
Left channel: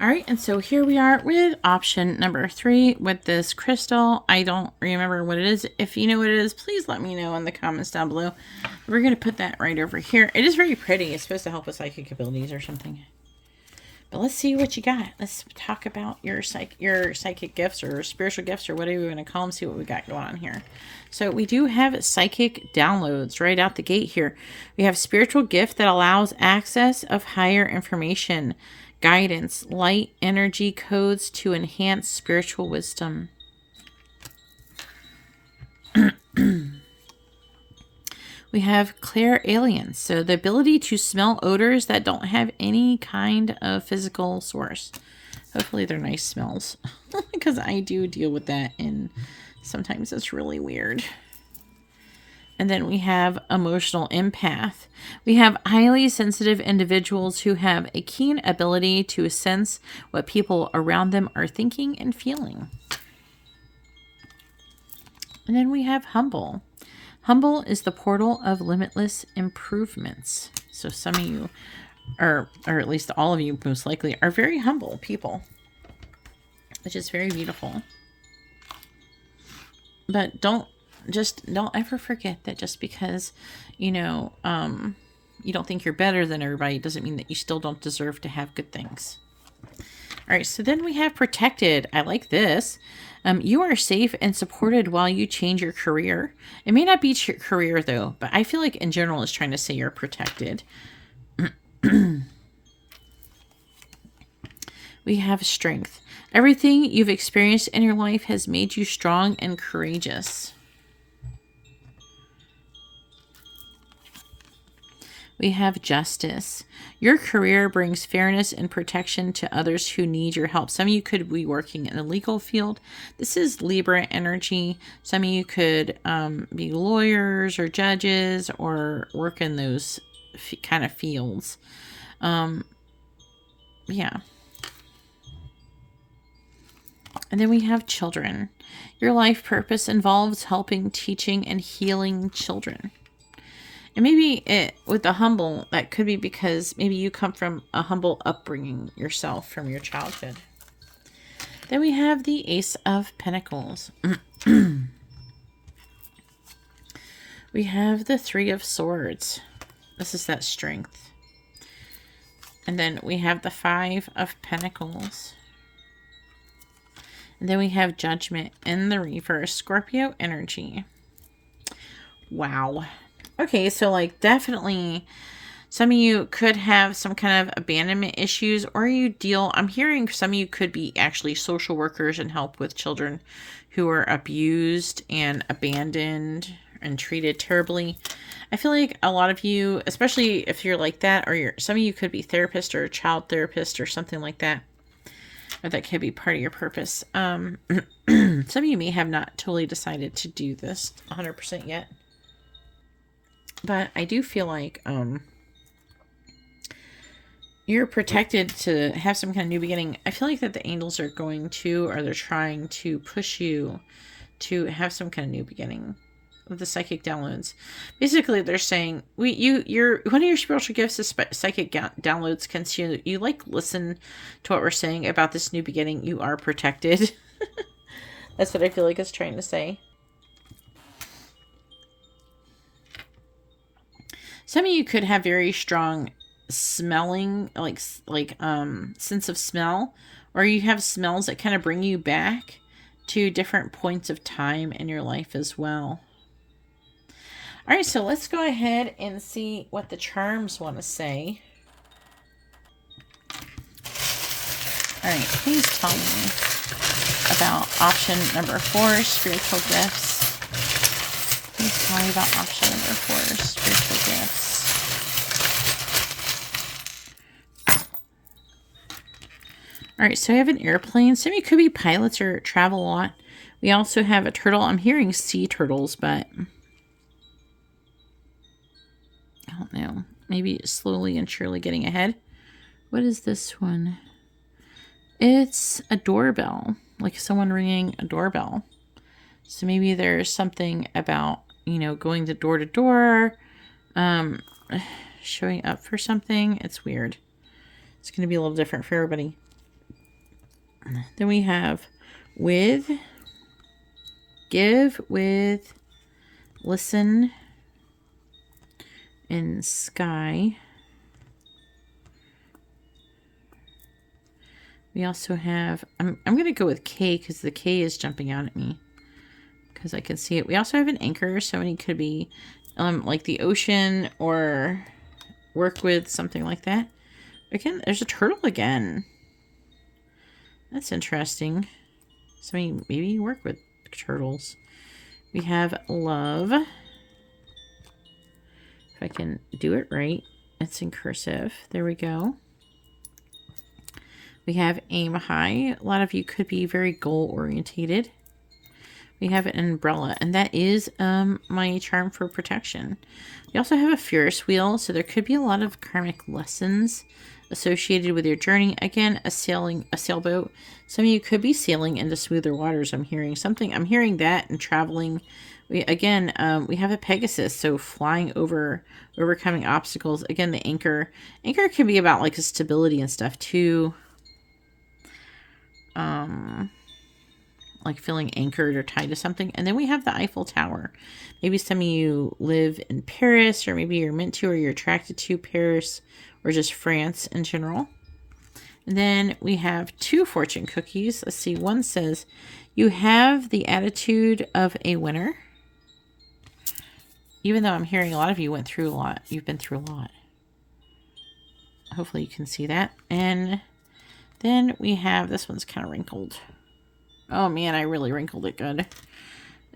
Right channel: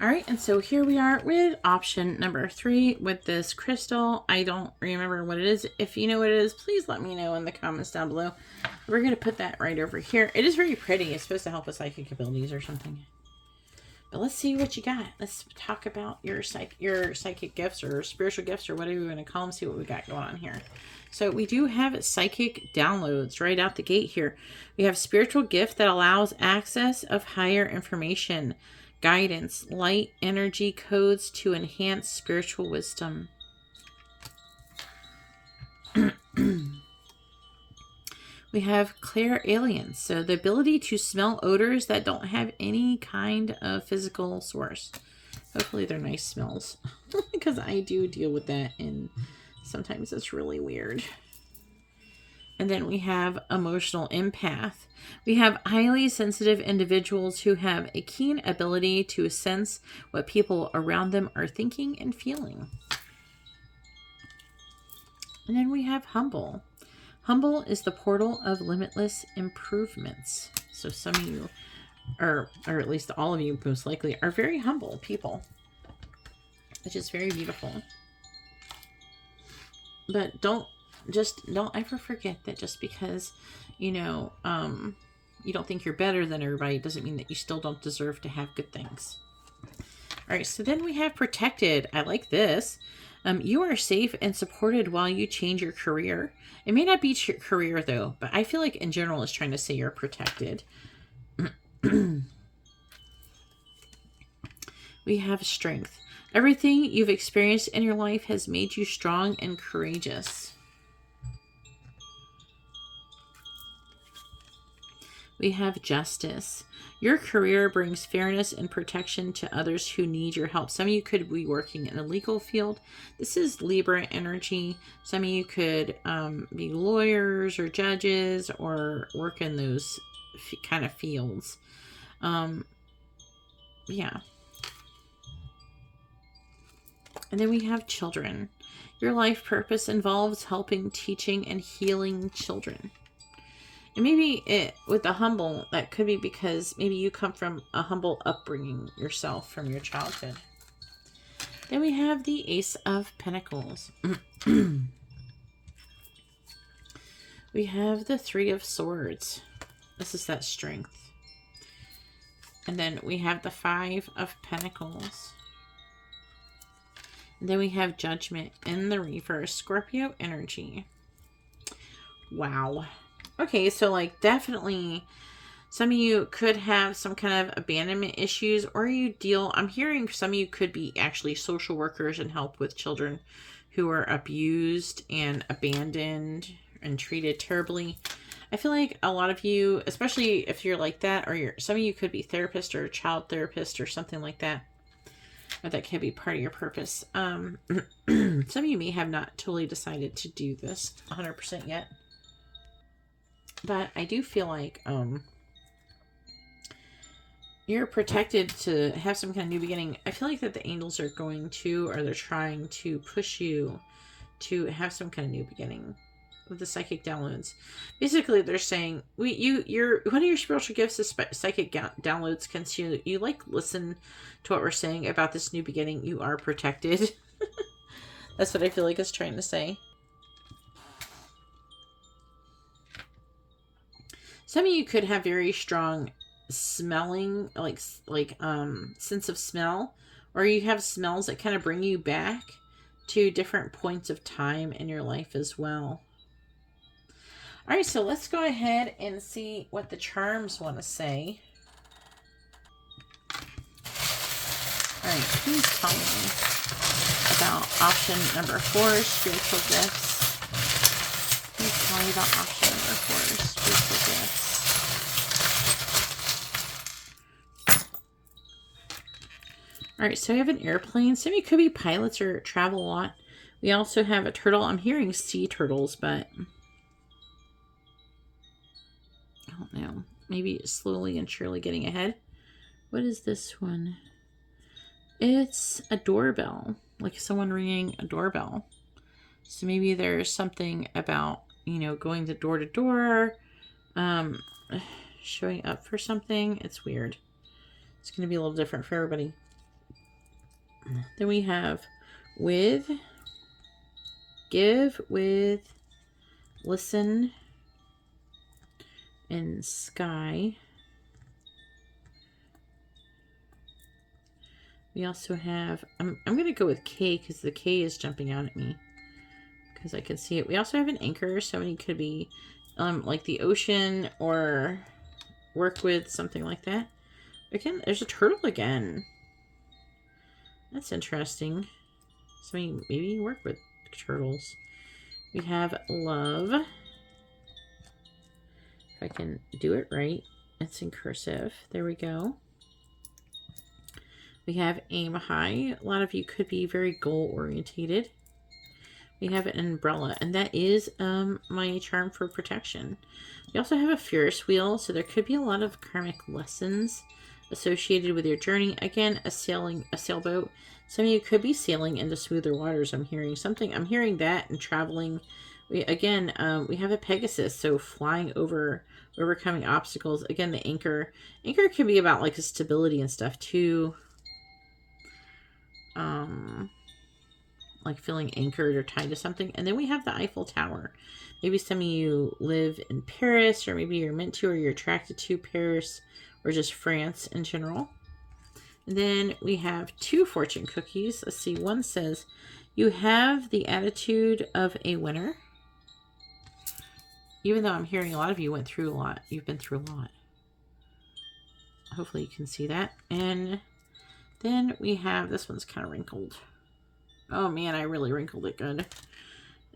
All right, and so here we are with option number 3 with this crystal. I don't remember what it is. If you know what it is, please let me know in the comments down below. We're going to put that right over here. It is very pretty. It's supposed to help with psychic abilities or something. But let's see what you got. Let's talk about your psychic gifts or spiritual gifts or whatever you want to call them. See what we got going on here. So we do have psychic downloads right out the gate here. We have spiritual gift that allows access of higher information, guidance, light energy codes to enhance spiritual wisdom. We have clairalience, so the ability to smell odors that don't have any kind of physical source. Hopefully they're nice smells, because I do deal with that, and sometimes it's really weird. And then we have emotional empath. We have highly sensitive individuals who have a keen ability to sense what people around them are thinking and feeling. And then we have humble. Humble is the portal of limitless improvements. So some of you, or at least all of you most likely, are very humble people, which is very beautiful. But don't ever forget that just because, you know, you don't think you're better than everybody doesn't mean that you still don't deserve to have good things. All right, so then we have protected. I like this. You are safe and supported while you change your career. It may not be your career, though, but I feel like in general it's trying to say you're protected. We have strength. Everything you've experienced in your life has made you strong and courageous. We have justice. Your career brings fairness and protection to others who need your help. Some of you could be working in the legal field. This is Libra energy. Some of you could be lawyers or judges or work in those kind of fields. Yeah. And then we have children. Your life purpose involves helping, teaching, and healing children. And maybe with the humble, that could be because maybe you come from a humble upbringing yourself from your childhood. Then we have the Ace of Pentacles. We have the Three of Swords. This is that strength. And then we have the Five of Pentacles. And then we have Judgment in the reverse. Scorpio energy. Wow. Okay, so like definitely some of you could have some kind of abandonment issues, or you deal, I'm hearing some of you could be actually social workers and help with children who are abused and abandoned and treated terribly. I feel like a lot of you, especially if you're like that, or some of you could be therapist or child therapist or something like that. Or that could be part of your purpose. Some of you may have not totally decided to do this 100% yet. But I do feel like you're protected to have some kind of new beginning. I feel like that the angels are going to, or they're trying to push you to have some kind of new beginning with the psychic downloads. Basically, they're saying you're one of your spiritual gifts is psychic downloads. Can you like listen to what we're saying about this new beginning? You are protected. That's what I feel like it's trying to say. Some of you could have very strong smelling, like sense of smell, or you have smells that kind of bring you back to different points of time in your life as well. All right, so let's go ahead and see what the charms want to say. All right, please tell me about option number 4, spiritual gifts. Please tell me about option number 4, spiritual gifts. All right, so I have an airplane. Some of you could be pilots or travel a lot. We also have a turtle. I'm hearing sea turtles, but I don't know. Maybe slowly and surely getting ahead. What is this one? It's a doorbell, like someone ringing a doorbell. So maybe there's something about, you know, going to door, showing up for something. It's weird. It's going to be a little different for everybody. Then we have with, give, with, listen, and sky. We also have, I'm going to go with K because the K is jumping out at me because I can see it. We also have an anchor. So it could be like the ocean or work with something like that. Again, there's a turtle again. That's interesting. So maybe you work with turtles. We have love. If I can do it right, it's in cursive. There we go. We have aim high. A lot of you could be very goal orientated. We have an umbrella, and that is my charm for protection. We also have a Ferris wheel, so there could be a lot of karmic lessons associated with your journey. Again, a sailboat. Some of you could be sailing into smoother waters. I'm hearing something. I'm hearing that and traveling. We have a Pegasus, so flying over, overcoming obstacles. Again, the anchor. Anchor can be about like a stability and stuff too. Like feeling anchored or tied to something. And then we have the Eiffel Tower. Maybe some of you live in Paris, or maybe you're meant to, or you're attracted to Paris, or just France in general. And then we have 2 fortune cookies. Let's see. One says, you have the attitude of a winner. Even though I'm hearing a lot of you went through a lot. You've been through a lot. Hopefully you can see that. And then we have, this one's kind of wrinkled. Oh man, I really wrinkled it good.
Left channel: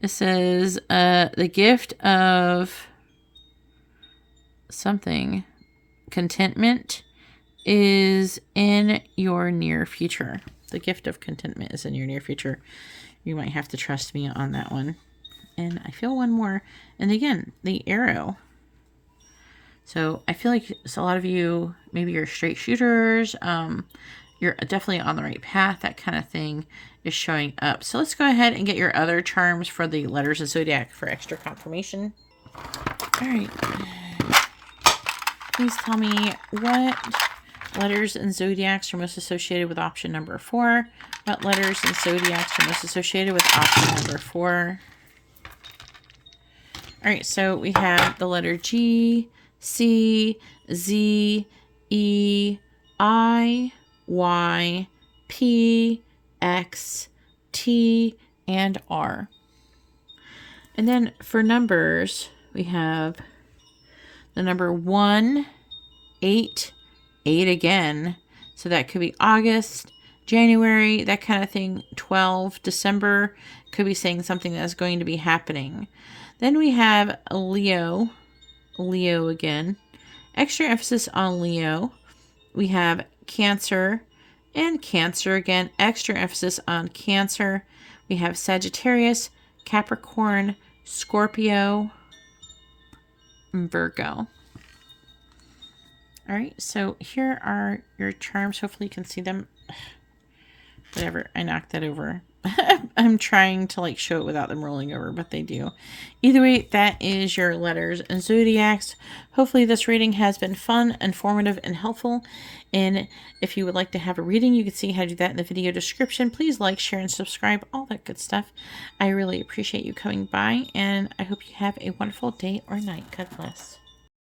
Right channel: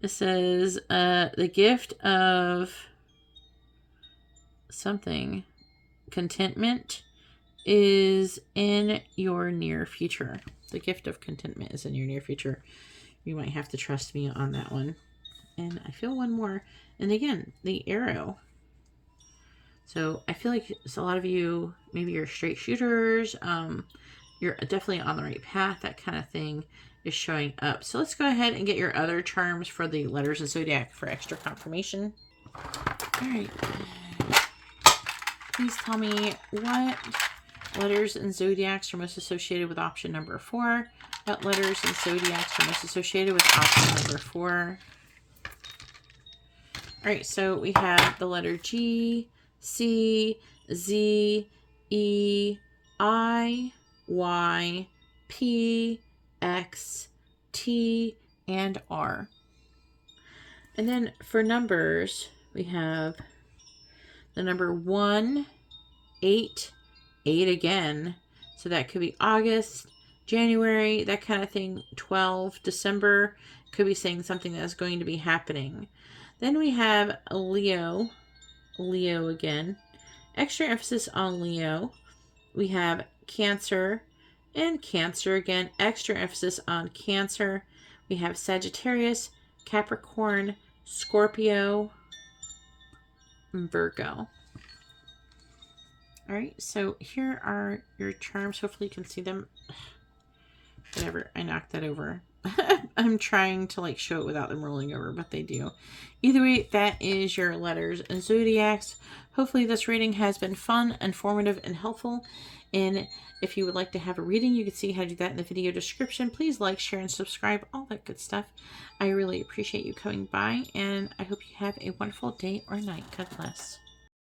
It says, the gift of something, contentment, is in your near future. The gift of contentment is in your near future. You might have to trust me on that one. And I feel one more. And again, the arrow. So I feel like a lot of you, maybe you're straight shooters. You're definitely on the right path. That kind of thing is showing up. So let's go ahead and get your other charms for the letters of Zodiac for extra confirmation. All right. Please tell me what letters and Zodiacs are most associated with option number 4. What letters and Zodiacs are most associated with option number 4? All right, so we have the letter G, C, Z, E, I, Y, P, X, T, and R. And then for numbers, we have the number 1, 8, 8 again. So that could be August, January, that kind of thing. 12, December, could be saying something that's going to be happening. Then we have a Leo, Leo again. Extra emphasis on Leo. We have Cancer and Cancer again. Extra emphasis on Cancer. We have Sagittarius, Capricorn, Scorpio, and Virgo. All right, so here are your charms. Hopefully you can see them. Whatever, I knocked that over. I'm trying to like show it without them rolling over, but they do. Either way, that is your letters and zodiacs. Hopefully this reading has been fun, informative, and helpful. And if you would like to have a reading, you can see how to do that in the video description. Please like, share, and subscribe, all that good stuff. I really appreciate you coming by, and I hope you have a wonderful day or night. God bless.